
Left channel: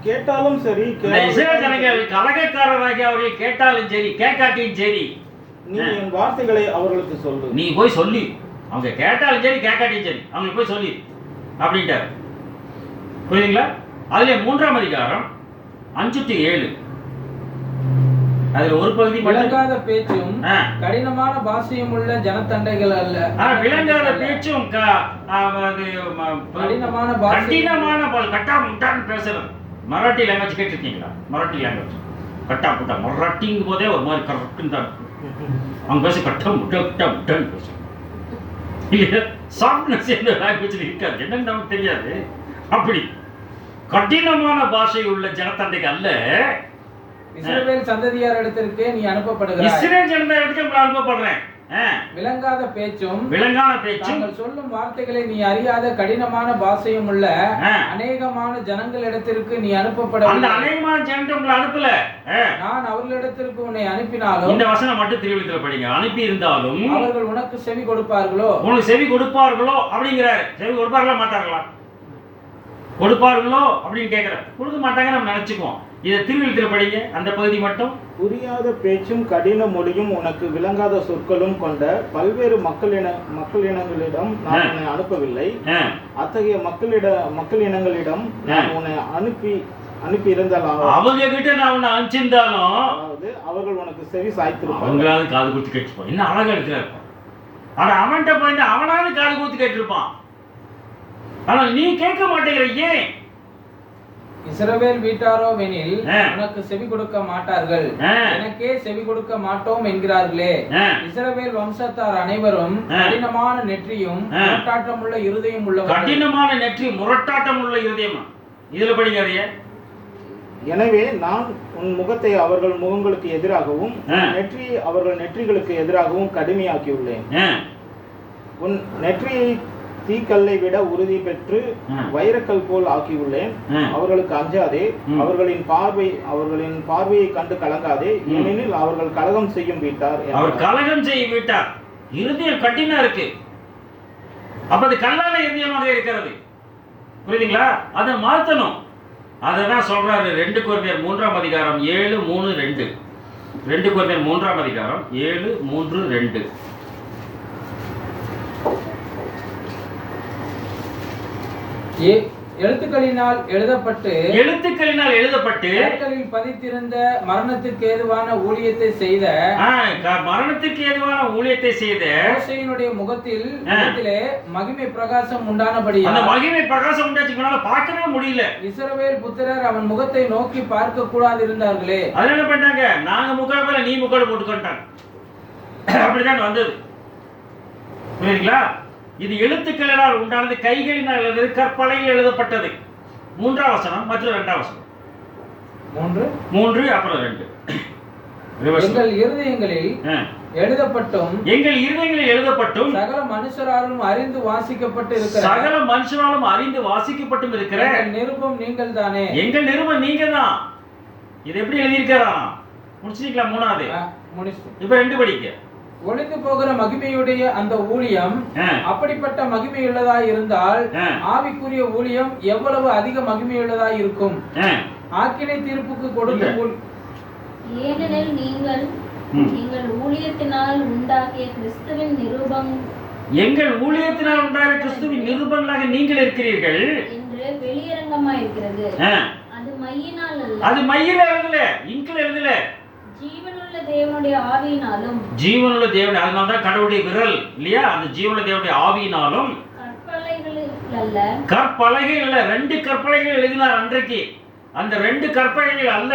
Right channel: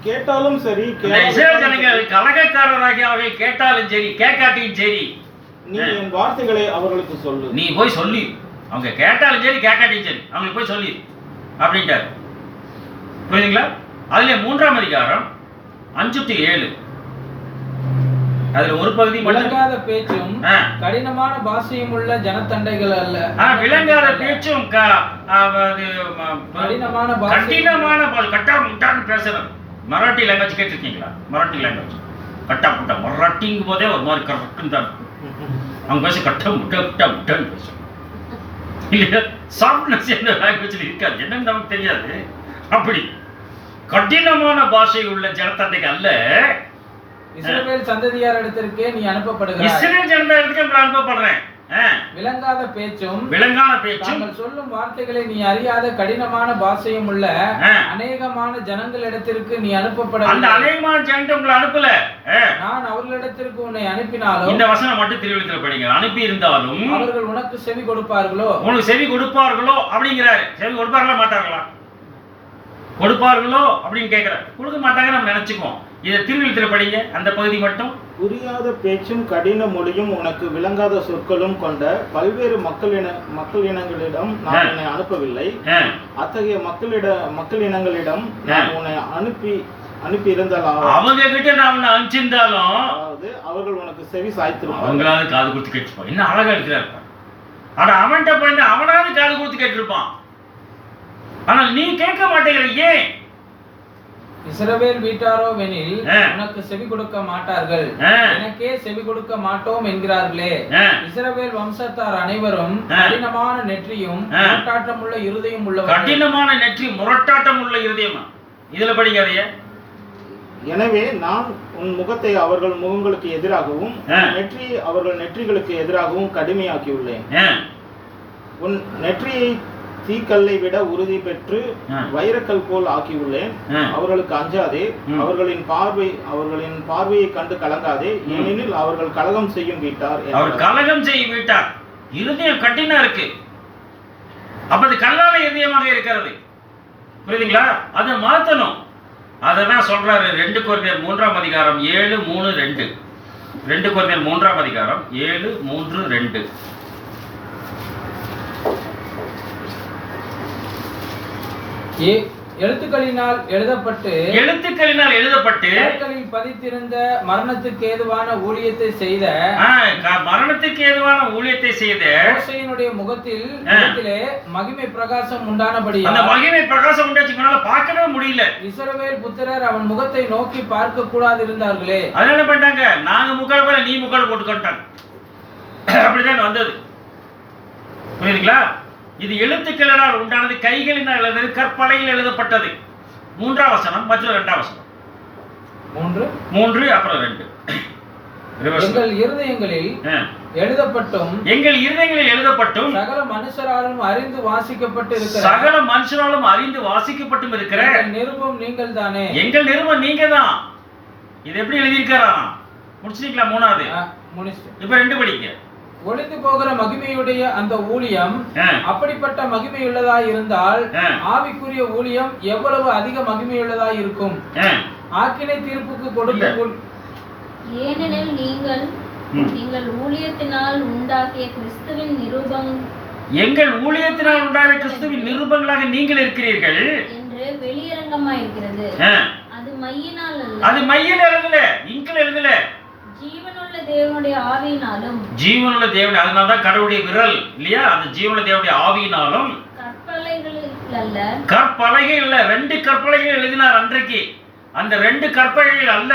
கேட்டாலும் சரி, இஸ்ரேல் ஜனங்கள் கலகக்காரராகி அவர்கள் கேட்டாலும் சரி, கேட்காட்டியும் சரி, நீ என் வார்த்தைகளை அவர்களுக்கு சொல்லு. நீ போய் சொல்லி, அவங்க கேட்டாலும் சரி கேட்காட்டியும் சரி அவங்களுக்கு போய் சொல்லி அப்படின்ட்டார். புரியுதுங்களா? அதுல 3ஆம் அதிகாரம் 5-7, அதுல ஒரு பகுதி விளங்காத பேச்சும் கடினமான பாஷையும் உள்ள ஜனத்தண்டைகள் அல்ல. விளங்காத பேச்சும் கடினமான கட்டாமுட்டான்னு பேசுறது. மராட்டி லாங்குவேஜ் கேட்டிருக்கீங்களா? மராட்டி லாங்குவேஜ் கட்டா புட்டா, மராட்டிங்கும் போதே ஒரு மாதிரி கரெக்டுன்னு தான் அவங்க பேச கட்டா முட்டா முட்டா முட்டான்னு பேசும் இல்லையா? சாஃப்ட்னஸ் எந்த லாங்குவேஜில் இருக்காது, என்னன்னு நமக்கு தெரியாது. அப்படி கடினமான பாஷை உள்ள ஜனத்தண்டைக்கு அல்ல, இஸ்ரவேல் சந்ததியார் இடத்திற்கே நீ அனுப்பப்படுகிறாய். இஸ்ரவேல் ஜனத்தாருக்கு நான் அனுப்பப்படுறேன். விளங்காத பேச்சும் தாங்கள் சொல்லும் வார்த்தைகளை நீ அறியாத கடினமான பாஷையும் உள்ள அநேகமான ஜனங்களிடத்திற்கு நீ அனுப்பப்பட. அந்த அநேகமான ஜனங்கள் உங்களை அனுப்பல, நான் அவர்களிடத்திற்கு உன்னை அனுப்பினாலும். இந்த வசனம் மட்டும் திருவிழித்துல படிங்க. அனுப்பி இருந்தாலும் அவர்கள் உனக்கு செவி கொடுப்பார்களோ? உனக்கு செவி கொடுப்பார்களோ அப்படிங்கிறாரு. செவி கொடுப்பார்களா மாட்டார்களா? கொடுப்பார்களோ அப்படின்னு கேட்கிற. கொடுக்க மாட்டாங்க நம்ம நினைச்சுக்குவோம். இதை திருவிழத்தில் படிங்க அந்த பகுதி மட்டும். புரியாத பேச்சும் கடின மொழியும் உனக்கு விளங்காத சொற்களும் கொண்ட பல்வேறு மக்கள் இனங்களிடம் நான் உன்னை அனுப்பவில்லை. அத்தகைய மக்கள் இனங்களிடம் நான் உன்னை அனுப்பி இருந்தாலும் அவங்க கிட்ட நான் உன்னை அனுப்பிச்சிருந்தாலும் அதாவது அவர்கள் உனக்கு செவி சாய்த்திருப்பாங்க. அவங்களாவது காது கொடுத்து கேட்டுப்பான். என்ன அழகா இருக்கிறாரு. ஆனா அவன்கிட்ட போய் அவனாவது காது கொடுத்து கேட்டிருப்பான். ஆனால் நீ கேட்க மாட்டேங்கிற. ஏன்? இஸ்ரவேல் வீட்டாரோவெனில் உனக்கு செவி கொடுக்க மாட்டார்கள், எனக்கே செவி கொடுக்க மாட்டோம் என்கிறார்களே. இஸ்ரவேல் வம்சத்தார் அனைவரும் கடினமான நெற்றியும் முரட்டாட்டமுள்ள இருதயம் உள்ளவர்கள். கடினமான நெற்றி முரட்டாட்டம் உள்ள இருதயம். இதுல படிக்காதே. எனவே நான் உன் முகத்தை அவர்கள் முகங்களுக்கு எதிராகவும் நெற்றியை அவர்கள் நெற்றிகளுக்கு எதிராகவும் கடுமையாக்கியுள்ளேன். உன் நெற்றியை தீக்கல்லை விட உறுதி பெற்று வைரக்கல் போல் ஆக்கியுள்ளேன். அவர்களுக்கு அஞ்சாதே, அவர்களின் பார்வையை கண்டு கலங்காதே, ஏனெனில் அவர்கள் கலகம் செய்யும் வீட்டார். அவர் கலகம் செய்யும் வீட்டார். இருதயம் கட்டினா இருக்கு. அப்ப அது கல்லான இருதயமாக இருக்கிறது. புரியுதுங்களா? அதை மாத்தணும். அதான் சொல்றாரு 2 கொரிந்தியர் 3ஆம் அதிகாரம் 7:3-2. 2 கொரிந்தியர் 3ஆம் அதிகாரம் 7:3-2. எழுத்துக்களினால் எழுதப்பட்டு கற்களில் பதித்திருந்த மரணத்துக்கு ஏதுவான ஊழியத்தை செய்த மோசேயினுடைய முகத்திலே மகிமை பிரகாசம் உண்டானபடியால் அந்த மகிமை பிரகாசம் உண்டாச்சுனால பார்க்கவே முடியல. இஸ்ரவேல் புத்திரர் அவன் முகத்தை நோக்கி பார்க்க கூடாது இருந்தார்களே. அதனால என்ன பண்ணாங்க? நாங்க முக்காடு போல நீ முக்காடு போட்டுக்கிட்டாங்க. அப்படிதான் வந்தது. புரியுதுங்களா? இது எழுத்துக்களால் உண்டானது, கைகளினால் எழுதுறது, கற்பலையில் எழுதப்பட்டது. 3ஆம் வசனம் மற்றும் 2ஆம் வசனம். 3 அப்புறம் 2. எங்கள் இருதயங்களில் எழுதப்பட்டும் சகல மனுஷராலும் அறிந்து வாசிக்கப்பட்டும் இருக்கிற நிருபம் நீங்கள் தானே. எங்கள் நிருபம் நீங்க தான். இது எப்படி எழுதியிருக்காராம்? முடிச்சிட்டீங்களா? 3வது முடிச்சிட்டு இப்ப 2 படிக்க. ஒளிந்து போகிற மகிமையுடைய அந்த ஊழியம் அப்படிப்பட்ட மகிமையுள்ளதாய் இருந்தால் ஆவிக்குரிய ஊழியம் எவ்வளவு அதிக மகிமையுள்ளதாய் இருக்கும். ஆக்கினை தீர்ப்புக்கு கொடுக்கும். ஏனெனில் நீங்கள் ஊழியத்தினால் உண்டாக்கிய கிறிஸ்துவின் எங்கள் ஊழியத்தினால் உண்டாகிய கிறிஸ்துவின் நிருபங்களாக நீங்கள் இருக்கிறீர்கள் என்று வெளியரங்கமாய் இருக்கிறது. அது மையினால் அல்ல. அது மையில் எழுதல, இங்கில் எழுதல. ஜீவனுள்ள தேவனுடைய ஆவியினாலும். ஜீவனுள்ள தேவன், அதனால தான் கடவுளுடைய விரல் இல்லையா? அந்த ஜீவனுள்ள தேவனுடைய ஆவியினாலும். கற்பலகைகள் அல்ல. 2 கற்பலகைகள் எழுதினார் அன்றைக்கு. அந்த 2 கற்பலகைகள் அல்ல,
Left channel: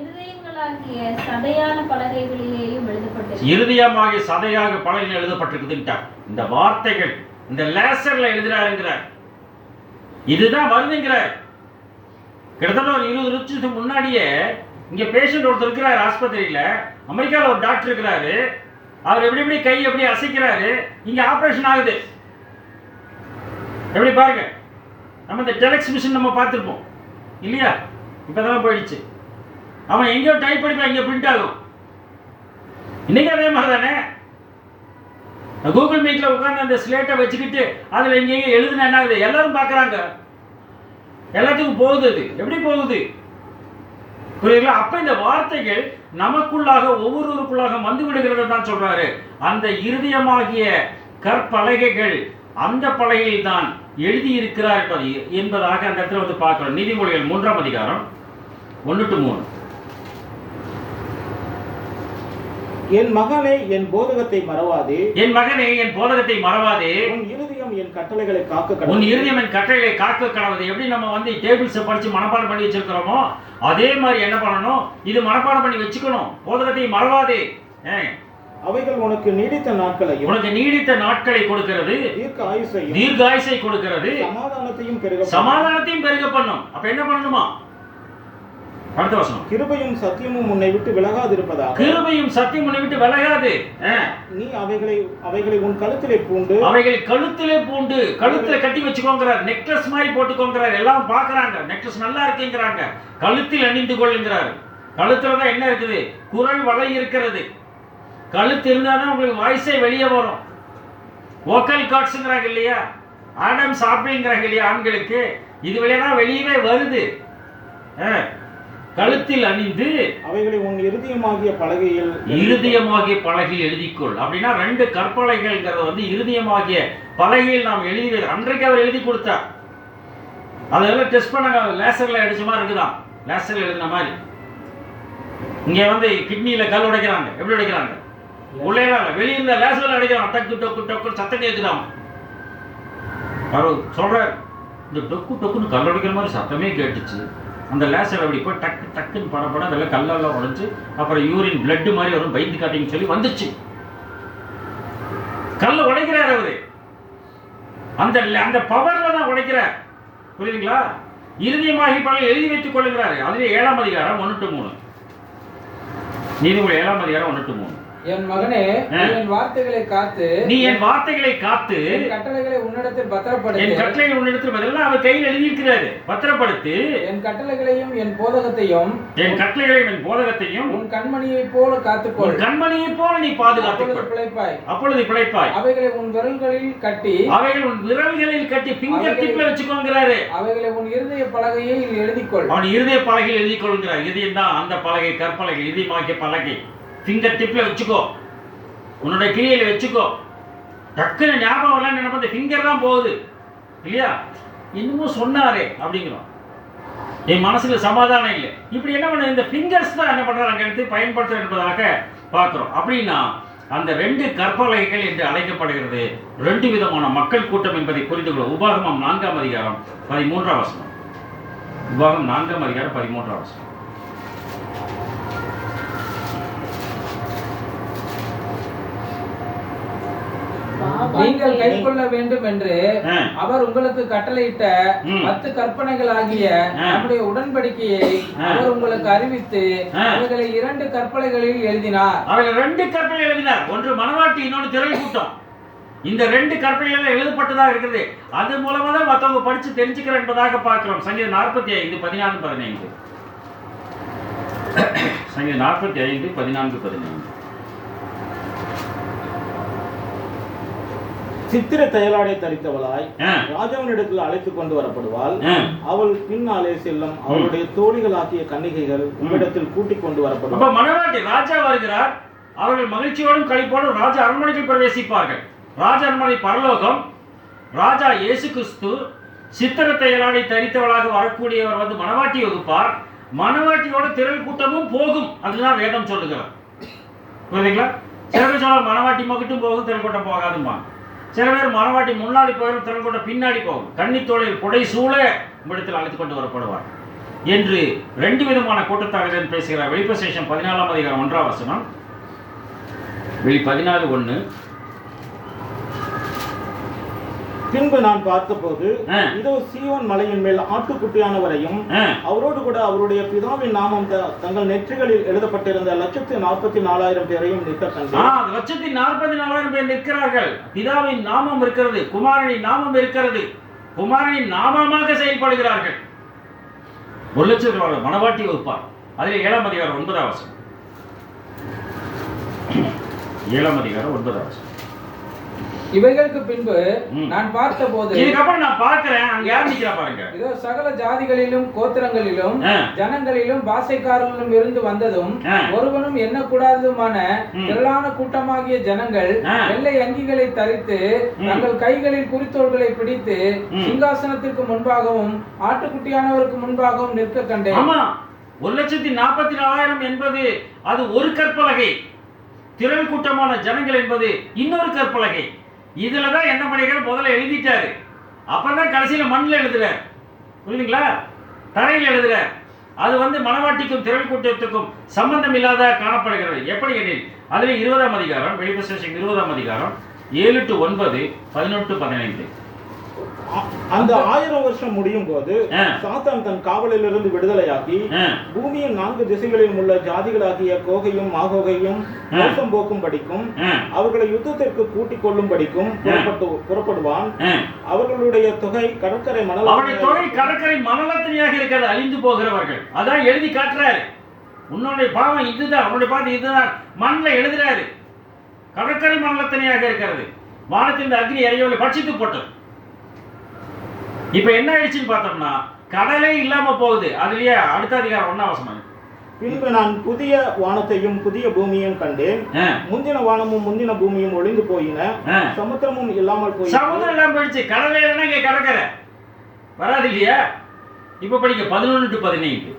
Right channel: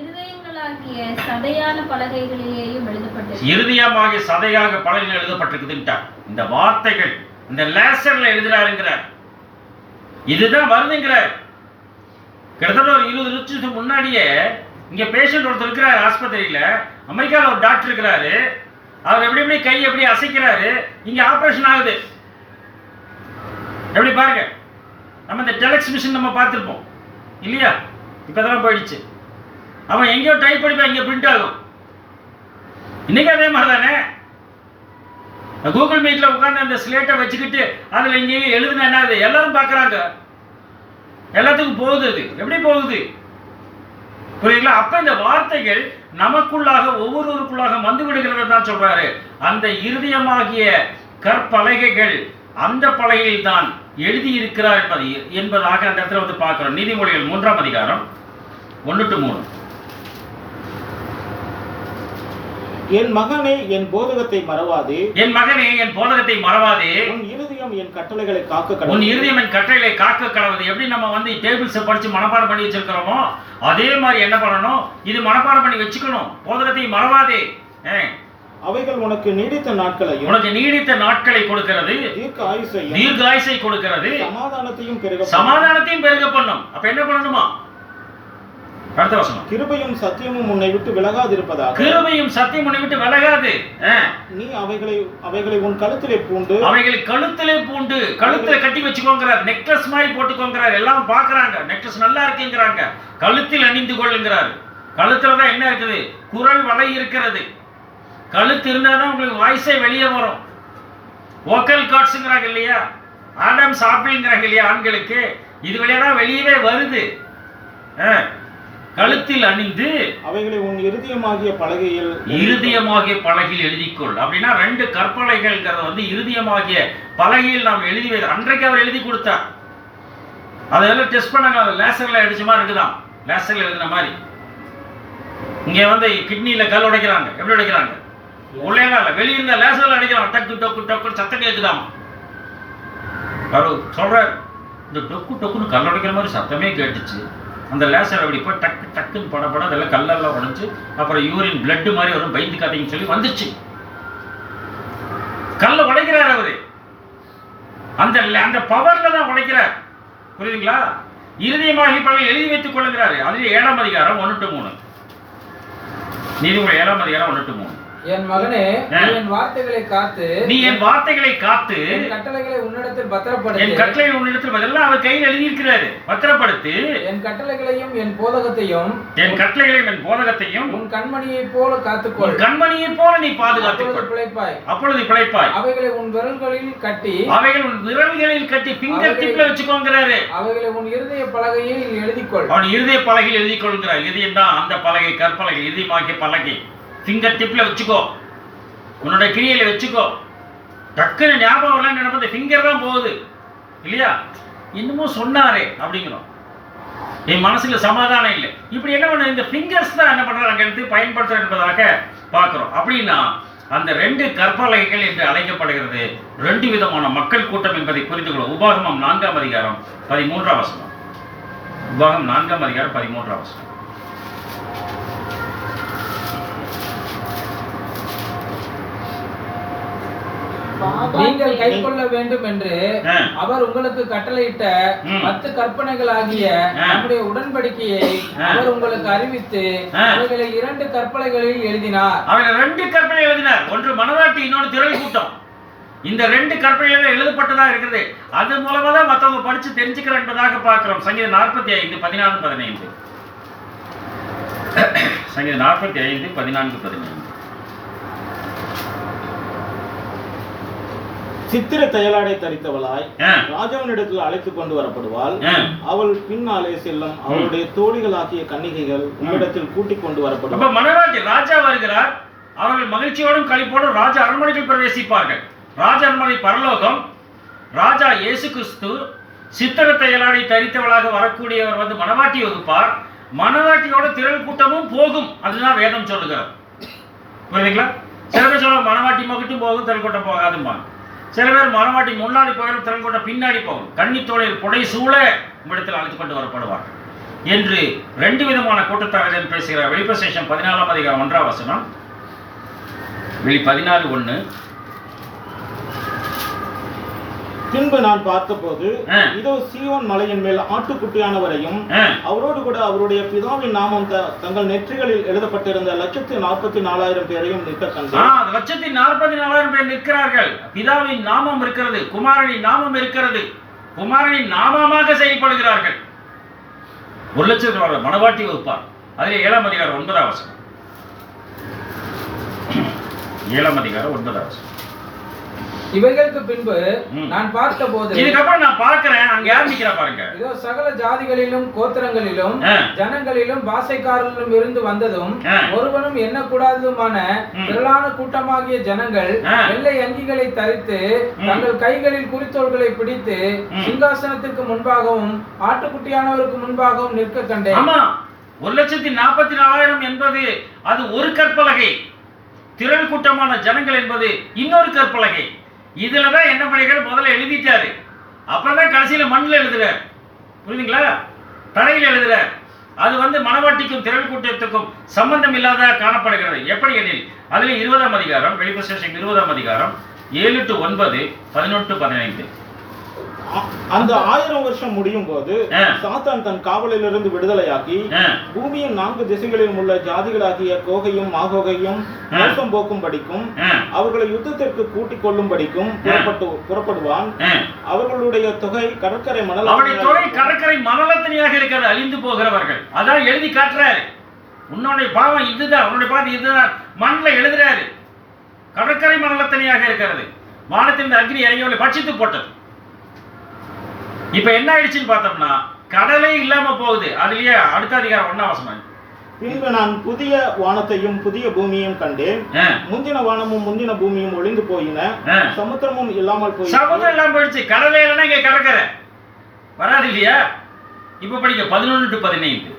இருதயங்களாகிய சதையான பலகைகளிலேயும் எழுதப்பட்டது. இருதயமாகிய சதையாக பலகைகள் எழுதப்பட்டிருக்குதுன்றார். இந்த வார்த்தைகள் இந்த லேசர்ல எழுதுறாருங்கிறார். இதுதான் வருதுங்கிறார். கிட்டத்தட்ட ஒரு 20 வருஷத்துக்கு முன்னாடியே இங்க பேஷண்ட் ஒருத்தர் இருக்கிறாரு ஆஸ்பத்திரியில. அமெரிக்காவில் ஒரு டாக்டர் இருக்கிறாரு. அவர் எப்படி கை எப்படி அசைக்கிறாரு. இங்க ஆபரேஷன் ஆகுது. எப்படி பாருங்க. நம்ம இந்த டெலக்ஸ் மிஷின் நம்ம பார்த்துருப்போம் இல்லையா? இப்பதான் போயிடுச்சு. அவன் எங்கேயோ டைப் பண்ணிப்பா, இங்க பிரிண்ட் ஆகும். இன்னைக்கு அதே மாதிரி தானே. கூகுள் மீட்ல உட்காந்து அந்த ஸ்லேட்டை வச்சுக்கிட்டு அதுல எங்கேயும் எழுதுனா என்ன ஆகுது? எல்லாரும் பார்க்குறாங்க. எல்லாத்துக்கும் போகுது. அது எப்படி போகுது? புரியுங்களா? அப்ப இந்த வார்த்தைகள் நமக்குள்ளாக ஒவ்வொருவருக்குள்ளாக வந்து விடுகிறது தான் சொல்றாரு. அந்த இருதயமாகிய கற்பலகைகள் அந்த பலகையில் தான் எழுதி இருக்கிறார் என்பதாக அந்த இடத்துல வந்து பார்க்கிறோம். நீதிமொழிகள் 3ஆம் அதிகாரம் 1-3. என் மகனே என் போதகத்தை மறவாதே. உன் இருதயம் என் கட்டளைகளை காக்க கடவுது. எப்படி நம்ம வந்து டேபிள்ஸ் படிச்சு மனப்பாடம் பண்ணி வச்சிருக்கிறோமோ அதே மாதிரி என்ன பண்ணணும்? இது மனப்பாடம் பண்ணி வச்சுக்கணும். போதகத்தை மறவாதே. அவைகள் உனக்கு நீடித்த நாட்களை கொடுக்கிறது, தீர்க்க ஆயுசை கொடுக்கிறது, சமாதானத்தையும் பெருக பண்ணும். அப்ப என்ன பண்ணணுமா? அடுத்த வசனம். கிருபையும் சத்தியமும் உன்னை விட்டு விலகாதிருப்பதாக. கிருபையும் சத்தியம் உன்னை விட்டு விலகாது. நீ அவைகளை உன் கழுத்திலே பூண்டு. கழுத்துல கட்டி வச்சுக்கோங்கிறார். நெக்லஸ் மாதிரி போட்டுக்கோங்கிறார். எல்லாம் பாக்குறாங்க. நெக்லஸ் நல்லா இருக்குங்கிறாங்க. கழுத்தில் அணிந்து கொள்ளுங்கிறார். கழுத்துல தான் என்ன இருக்குது? குரல் வலை இருக்கிறது. கழுத்து இருந்தாதான் உங்களுக்கு வாய்ஸே வெளியே வரும். வோக்கல் கார்ட்ஸ்ங்கிறாங்க இல்லையா? ஆடம்ஸ் ஆப்பிள்ங்கிறாங்க இல்லையா? ஆண்களுக்கு இது வழியா வெளியவே வருது. கழுத்தில் அணிந்து அவைகளை உன் இருதயமாகிய பலகையில் இருதயமாகிய பலகையில் எழுதிக்கொள். அப்படின்னா 2 கற்பலகைகள்ங்கிறது வந்து இருதயமாகிய பலகையில் நாம் எழுதி அன்றைக்கு அவர் எழுதி கொடுத்தார். அதெல்லாம் டெஸ்ட் பண்ணாங்க. லேசர்ல அடிச்ச மாதிரி இருக்குதான், லேசர்ல எழுதின மாதிரி. இங்க வந்து கிட்னியில கல் உடைக்கிறாங்க. எப்படி உடைக்கிறாங்க? உள்ளே இல்ல, வெளியிருந்த லேசர்ல அடிக்கிறாங்க. டக்கு டக்கு டக்கு சத்தம் கேட்குதாம். அவர் சொல்றார், இந்த டொக்கு டொக்குன்னு கல் உடைக்கிற மாதிரி சத்தமே கேட்டுச்சு. அந்த லேசர் அப்படி போய் டக்கு டக்குன்னு படப்பட அதெல்லாம் கல்லெல்லாம் உடைச்சு அப்புறம் யூரின் பிளட் மாதிரி வரும், பயந்து காட்டிங்கன்னு சொல்லி வந்துச்சு. கல்ல உடைக்கிறார் அவரு. அந்த பவர்ல தான் உடைக்கிறார். புரியுதுங்களா? இறுதியமாகி பலகை எழுதி வைத்துக் கொள்ளுகிறாரு. அதுல 7ஆம் அதிகாரம் 1 to 3. நீதிமொழி 7ஆம் அதிகாரம் 1 to 3. என் மகனே, நீ என் வார்த்தைகளை காத்து, நீ என் வார்த்தைகளை காத்து, என் கட்டளைகளை உன்னிடத்தில் பத்திரப்படுத்து. என் கட்டளைகளை உன்னிடத்தில் அதெல்லாம் அவர் கையில் எழுதி இருக்கிறாரு. பத்திரப்படுத்து. என் கட்டளைகளையும் என் போதகத்தையும், என் கட்டளைகளையும் என் போதகத்தையும் உன் கண்மணியைப் போல காத்துக்கொள். கண்மணியைப் போல நீ பாதுகாத்துக்கொள். பிழைப்பாய். அப்பொழுது பிழைப்பாய். அவைகளை உன் விரல்களில் கட்டி, அவைகள் உன் விரல்களில் கட்டி ஃபிங்கர் டிப்ல வச்சுக்கோங்கறாரு. அவைகளை உன் இருதய பலகையில் எழுதிக்கொள். அவன் இருதய பலகையில் எழுதி கொள்கிறார். இதயம் தான் அந்த பலகை, கற்பலகை, இதயமாகிய பலகை. ஃபிங்கர் டிப்ல வச்சுக்கோ, உன்னோட கிரியையில வச்சுக்கோ. டக்குன்னு ஞாபகம் எல்லாம் நினைப்பது ஃபிங்கர் தான் போகுது இல்லையா? இன்னமும் சொன்னாரே அப்படிங்கிறோம். என் மனசுல சமாதானம் இல்லை. இப்படி என்ன பண்ண, இந்த ஃபிங்கர்ஸ் தான் என்ன பண்றாங்க எடுத்து பயன்படுத்துற என்பதாக பார்க்கிறோம். அப்படின்னா அந்த 2 கற்பலகைகள் என்று அழைக்கப்படுகிறது 2 விதமான மக்கள் கூட்டம் என்பதை புரிந்து கொள்ளும். உபாகமம் 4ஆம் அதிகாரம் 13ஆம் வசனம். உபாகமம் 4ஆம் அதிகாரம் 13ஆம் வசனம். நீங்கள் கைக்கொள்ள வேண்டும் என்று அவர் உங்களுக்கு கட்டளையிட்ட 10 கற்பனைகள் ஆகிய நம்முடைய உடன்படிக்கையை அவர் உங்களுக்கு அறிவித்து அவைகளை 2 கற்பனைகளில் எழுதினார். அவைகளை 2 கற்பனை எழுதினார். ஒன்று மனவாட்டி, இன்னொன்று திரள் கூட்டம். இந்த 2 கற்பனைகள் எழுதப்பட்டதா இருக்கிறது. அது மூலமா தான் மற்றவங்க படிச்சு தெரிஞ்சுக்கிறோம் என்பதாக பார்க்கிறோம். சங்கீதம் 45 14 15. சங்கீதம் 45 14 15. சித்திர தையலாடை தரித்தவளாய் ராஜாவினிடத்தில் அழைத்து கொண்டு வரப்படுவாள். அவள் பின்னாலே செல்லும் அவளுடைய தோழிகளாகிய கன்னிகைகள் உம்மிடத்தில் கூட்டிக் கொண்டு வரப்படுவாள். மனவாட்டி ராஜா வருகிறார். அவர்கள் மகிழ்ச்சியோடும் களிப்போடும் ராஜ அரண்மனையில் பிரவேசிப்பார்கள். ராஜ அரண்மனை பரலோகம். ராஜா இயேசு கிறிஸ்து சித்திர தையலாடை தரித்தவளாக வரக்கூடியவர் வந்து மனவாட்டி வகுப்பார். மனவாட்டியோட திரள் கூட்டமும் போகும். அதுதான் வேதம் சொல்லுகிறார். புரியுதுங்களா? சில பேர் சொல்ல மனவாட்டி மட்டும் போகும், திரள் கூட்டம் போகாதும்பாங்க. சில பேர் மனவாட்டி முன்னாடி போயிடும், திரள் கூட்டம் பின்னாடி போகும். கன்னித்தோளில் புடை சூழ இடத்தில் அழைத்துக் கொண்டு வரப்படுவார் என்று 2 விதமான கூட்டத்தார்கள் பேசுகிறார். வெளிப்பிரசேஷம் 14ஆம் அதிகாரம் 1ஆம் வசனம். வெளி 14:1. பின்பு நான் பார்த்தபோது இதோ சீயோன் மலையின் மேல் ஆட்டுக்குட்டியானவரையும் அவரோடு கூட அவருடைய பிதாவின் நாமம் தங்கள் நெற்றிகளில் எழுதப்பட்டிருந்த 144,000 பேரையும் நிற்க கண்டேன். 144,000 பேர் நிற்கிறார்கள். பிதாவின் நாமம் இருக்கிறது, குமாரனின் நாமம் இருக்கிறது. குமாரனின் நாமமாக செயல்படுகிறார்கள். 1,00,000 மனவாட்டி வகுப்பார். அதில் 7ஆம் அதிகாரம் 9ஆம் வசனம். 7ஆம் அதிகாரம் 9ஆம் வசனம். இவைகளுக்கு பின்பு நான் பார்த்தபோது, இதுக்கப்புறம் நான் பார்க்கிறேன், அங்க யார் நிக்கிறா பாருங்க. இதோ சகல ஜாதிகளிலும் கோத்திரங்களிலும் ஜனங்களிலும் பாஷைக்காரர்களும் இருந்து வந்ததும் ஒருவனும் எண்ணக்கூடாததுமான திரளான கூட்டமாகிய ஜனங்கள் வெள்ளை அங்கிகளை தரித்து தங்கள் கைகளில் குறித்தோள்களை பிடித்து சிங்காசனத்திற்கு முன்பாகவும் ஆட்டுக்குட்டியானவருக்கு முன்பாகவும் நிற்க கண்டேன். ஆமா, 1,44,000 என்பது அது ஒரு கற்பலகை. திரள் கூட்டமான ஜனங்கள் என்பது இன்னொரு கற்பலகை. இதுலதான் என்ன பண்ணிருக்காரு, முதல்ல எழுதிட்டாரு, அப்புறம் கடைசியில மண்ணில் எழுதுறார். புரியுதுங்களா? தரையில் எழுதுறார். அது வந்து மனவாட்டிக்கும் திரள் கூட்டத்துக்கும் சம்பந்தம் இல்லாத காணப்படுகிறது. எப்படி எனில் அதுல 20ஆம் அதிகாரம், வெளிப்பிரசேஷம் 20ஆம் அதிகாரம் 7 to 9, 11 to 15. அந்த 1000 வருஷம் முடியும் போது சாத்தான் தன் காவலிலிருந்து விடுதலையாக்கி பூமியின் 4 திசைகளிலும் உள்ள ஜாதிகளாகிய கோகையும் மாகோகையும் மோசம் போக்கும் படிக்கும் அவர்களை யுத்தத்திற்கு கூட்டிக் கொள்ளும் படிக்கும் புறப்படுவான். அவர்களுடைய தொகை கடற்கரை மணல், அவருடைய தொகை கடற்கரை மணலத்தனையாக இருக்கிறது, அழிந்து போகிறவர்கள். அதான் எழுதி காட்டுறாரு. உன்னுடைய பாவம் இதுதான், உன்னுடைய பாவம் இதுதான் மண்ணில் எழுதுறாரு. கடற்கரை மணலத்தனையாக இருக்கிறது, வானத்தின் அக்னி இறங்கி பட்சித்து போட்டது. இப்ப என்ன ஆயிடுச்சுன்னு பார்த்தோம்னா கடலே இல்லாம போகுது. அதுலயே அடுத்த அதிகாரம் 1ஆம் வசனம். பின்பு நான் புதிய வானத்தையும் புதிய பூமியையும் கண்டேன். முந்தின வானமும் முந்தின பூமியும் ஒளிந்து போயின, சமுத்திரமும் இல்லாமல் போய். சமுத்திரம் இல்லாம போயிடுச்சு. கடலே இல்லைன்னா இங்க கடற்கரை வராது இல்லையா? இப்ப படிக்க 11 to 15.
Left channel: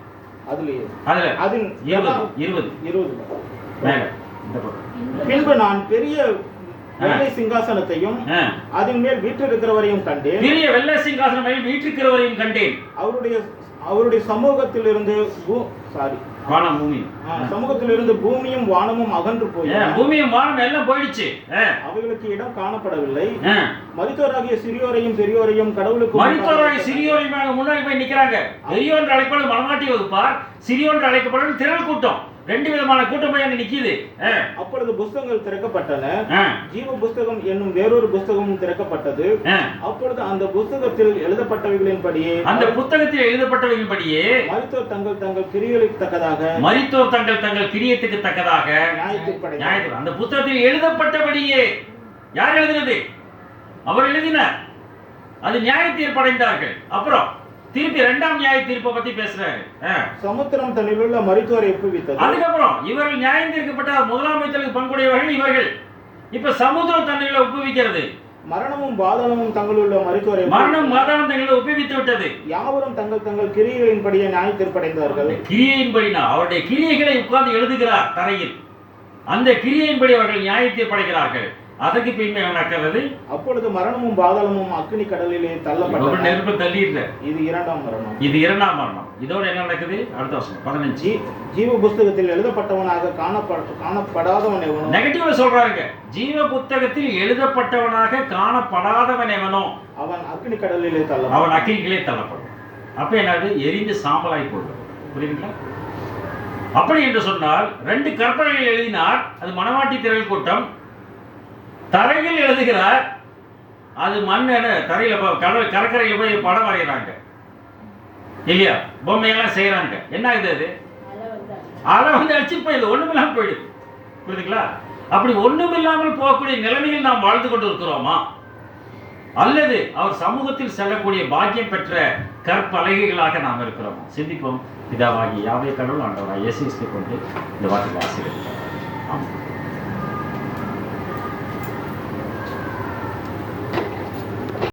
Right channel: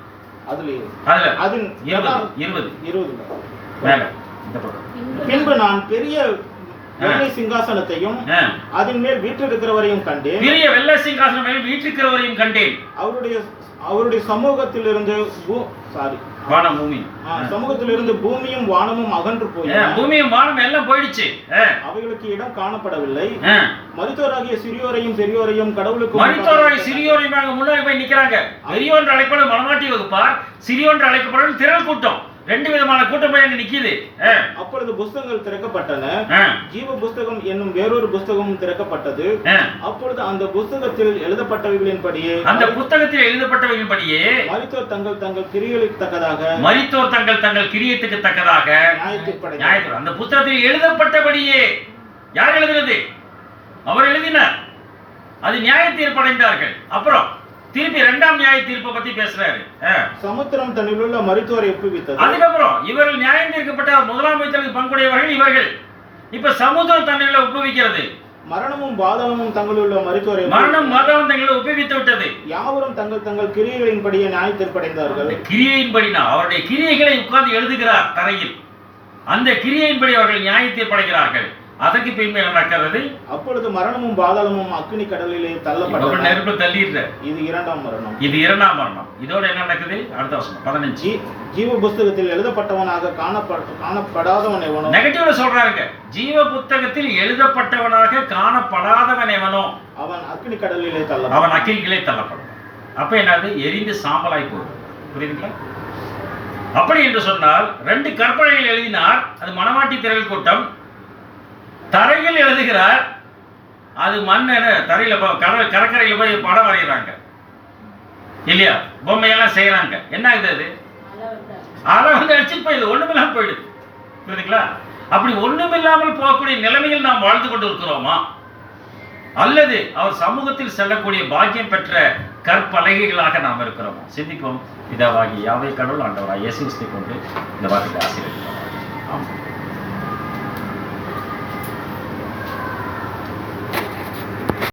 அதுலயே அதுல அதில் 20 மேல இந்த பக்கம். பின்பு நான் பெரிய வெள்ளை சிங்காசனத்தையும் அதன் மேல் வீற்றிருக்கிறவரையும் கண்டேன். பெரிய வெள்ளை சிங்காசனம் மேல் வீற்றிருக்கிறவரையும் கண்டேன். அவருடைய சமூகத்திலிருந்து வானம் பூமி சமூகத்திலிருந்து பூமியும் வானமும் அகன்று போய், பூமியும் வானம் எல்லாம் போயிடுச்சு. அவைகளுக்கு இடம் காணப்படவில்லை. மரித்தோராகிய சிறியோரையும் பெரியோரையும் கடவுளுக்கு மரித்தோராகிய சிறியோரையும் முன்னாடி போய் நிக்கிறாங்க. பெரியோன்று அழைக்கப்படும் மனமாட்டி வகுப்பார், சிறியோன்று அழைக்கப்படும் திரள் கூட்டம். 2 விதமான கூட்டம் போய் அங்க நிக்குது. அப்பொழுது புஸ்தகங்கள் திறக்கப்பட்டன. ஜீவ புஸ்தகம் என்னும் வேறொரு புஸ்தகமும் திறக்கப்பட்டது. அப்பொழுது அந்த புஸ்தகத்தில் எழுதப்பட்டவைகளின்படியே மரித்தோர் தங்கள் கிரியைகளுக்கு தக்கதாக நியாயத்தீர்ப்பு. அந்த புத்தகத்தில் எழுதப்பட்டபடியே யார் எழுதுனது? அவர் எழுதினார். அது நியாய தீர்ப்படைந்தார்கள். அப்புறம் திருப்பி 2ஆம் நியாய தீர்ப்பை பத்தி பேசுறாரு. சமுத்திரம் தன்னில் உள்ள மரித்தோரை ஒப்புவித்தது. அதுக்கப்புறம் இவர்கள் நியாயம் தீர்க்கப்பட்ட 1ஆம் விதத்திற்கு பங்குடையவர்கள் இவர்கள். இப்ப சமுத்திரம் தன்னில் ஒப்புவிக்கிறது. மரணமும் பாதாளமும் தங்களுள்ள மரித்தோரை தங்களை ஒப்புவித்து விட்டது. யாவரும் தங்கள் கிரியைகளின்படியே நியாய தீர்ப்படைந்தார்கள். கிரியையின்படினா அவருடைய கிரியைகளை உட்கார்ந்து எழுதுகிறார் தரையில். அந்த கிரியையின்படி அவர்கள் நியாய தீர்ப்படைகிறார்கள். அதற்கு பின்பு நடக்கிறது. அப்பொழுது மரணமும் பாதாளமும் அக்கினி கடலிலே தள்ளப்பட்டன. நெருப்பு தள்ளிடுற. இது 2ஆம் மரணம். இது 2ஆம் மரணம். இதோட என்ன நடக்குது? அடுத்த வசனம் 15. ஜீவ புஸ்தகத்தில் எழுதப்பட்டவனாக காணப்படாதவன் எவனோ. நெகட்டிவ்ல சொல்றாருங்க. ஜீவ புத்தகத்தில் எழுதப்பட்டவனாக காணப்படாதவன் எவனோ அவன் அக்கினி கடலிலே அவன் அக்கினிகளே தள்ளப்படும். அப்ப என்னது? எரிந்து சாம்பலாய் போகுது. புரியுதுங்களா? அப்படி என்று சொன்னால் 2 கற்பனைகள் எழுதினார். அது மனவாட்டி திரள் கூட்டம். தரையில் எழுதுகிறார். அது மண் தரையில கடற்கரையில் போய் படம் வரைகிறாங்க இல்லையா? பொம்மையெல்லாம் செய்யறாங்க. என்ன ஆகுது? அது வந்து அடிச்சுட்டு போயிடுது. ஒண்ணுமில்லாமல் போயிடுது. புரியுதுங்களா? அப்படி ஒண்ணுமில்லாமல் போகக்கூடிய நிலைமையில் நாம் வாழ்ந்து கொண்டு இருக்கிறோமா? அல்லது அவர் சமூகத்தில் செல்லக்கூடிய பாக்கியம் பெற்ற கற்பலகைகளாக நாம் இருக்கிறோமா? சிந்திப்போம். பிதாவாகி யாவே கடவுள் ஆண்டவராய் இயேசு கிறிஸ்துவை கொண்டு இந்த வார்த்தையை ஆசீர்வதிக்கிறேன்.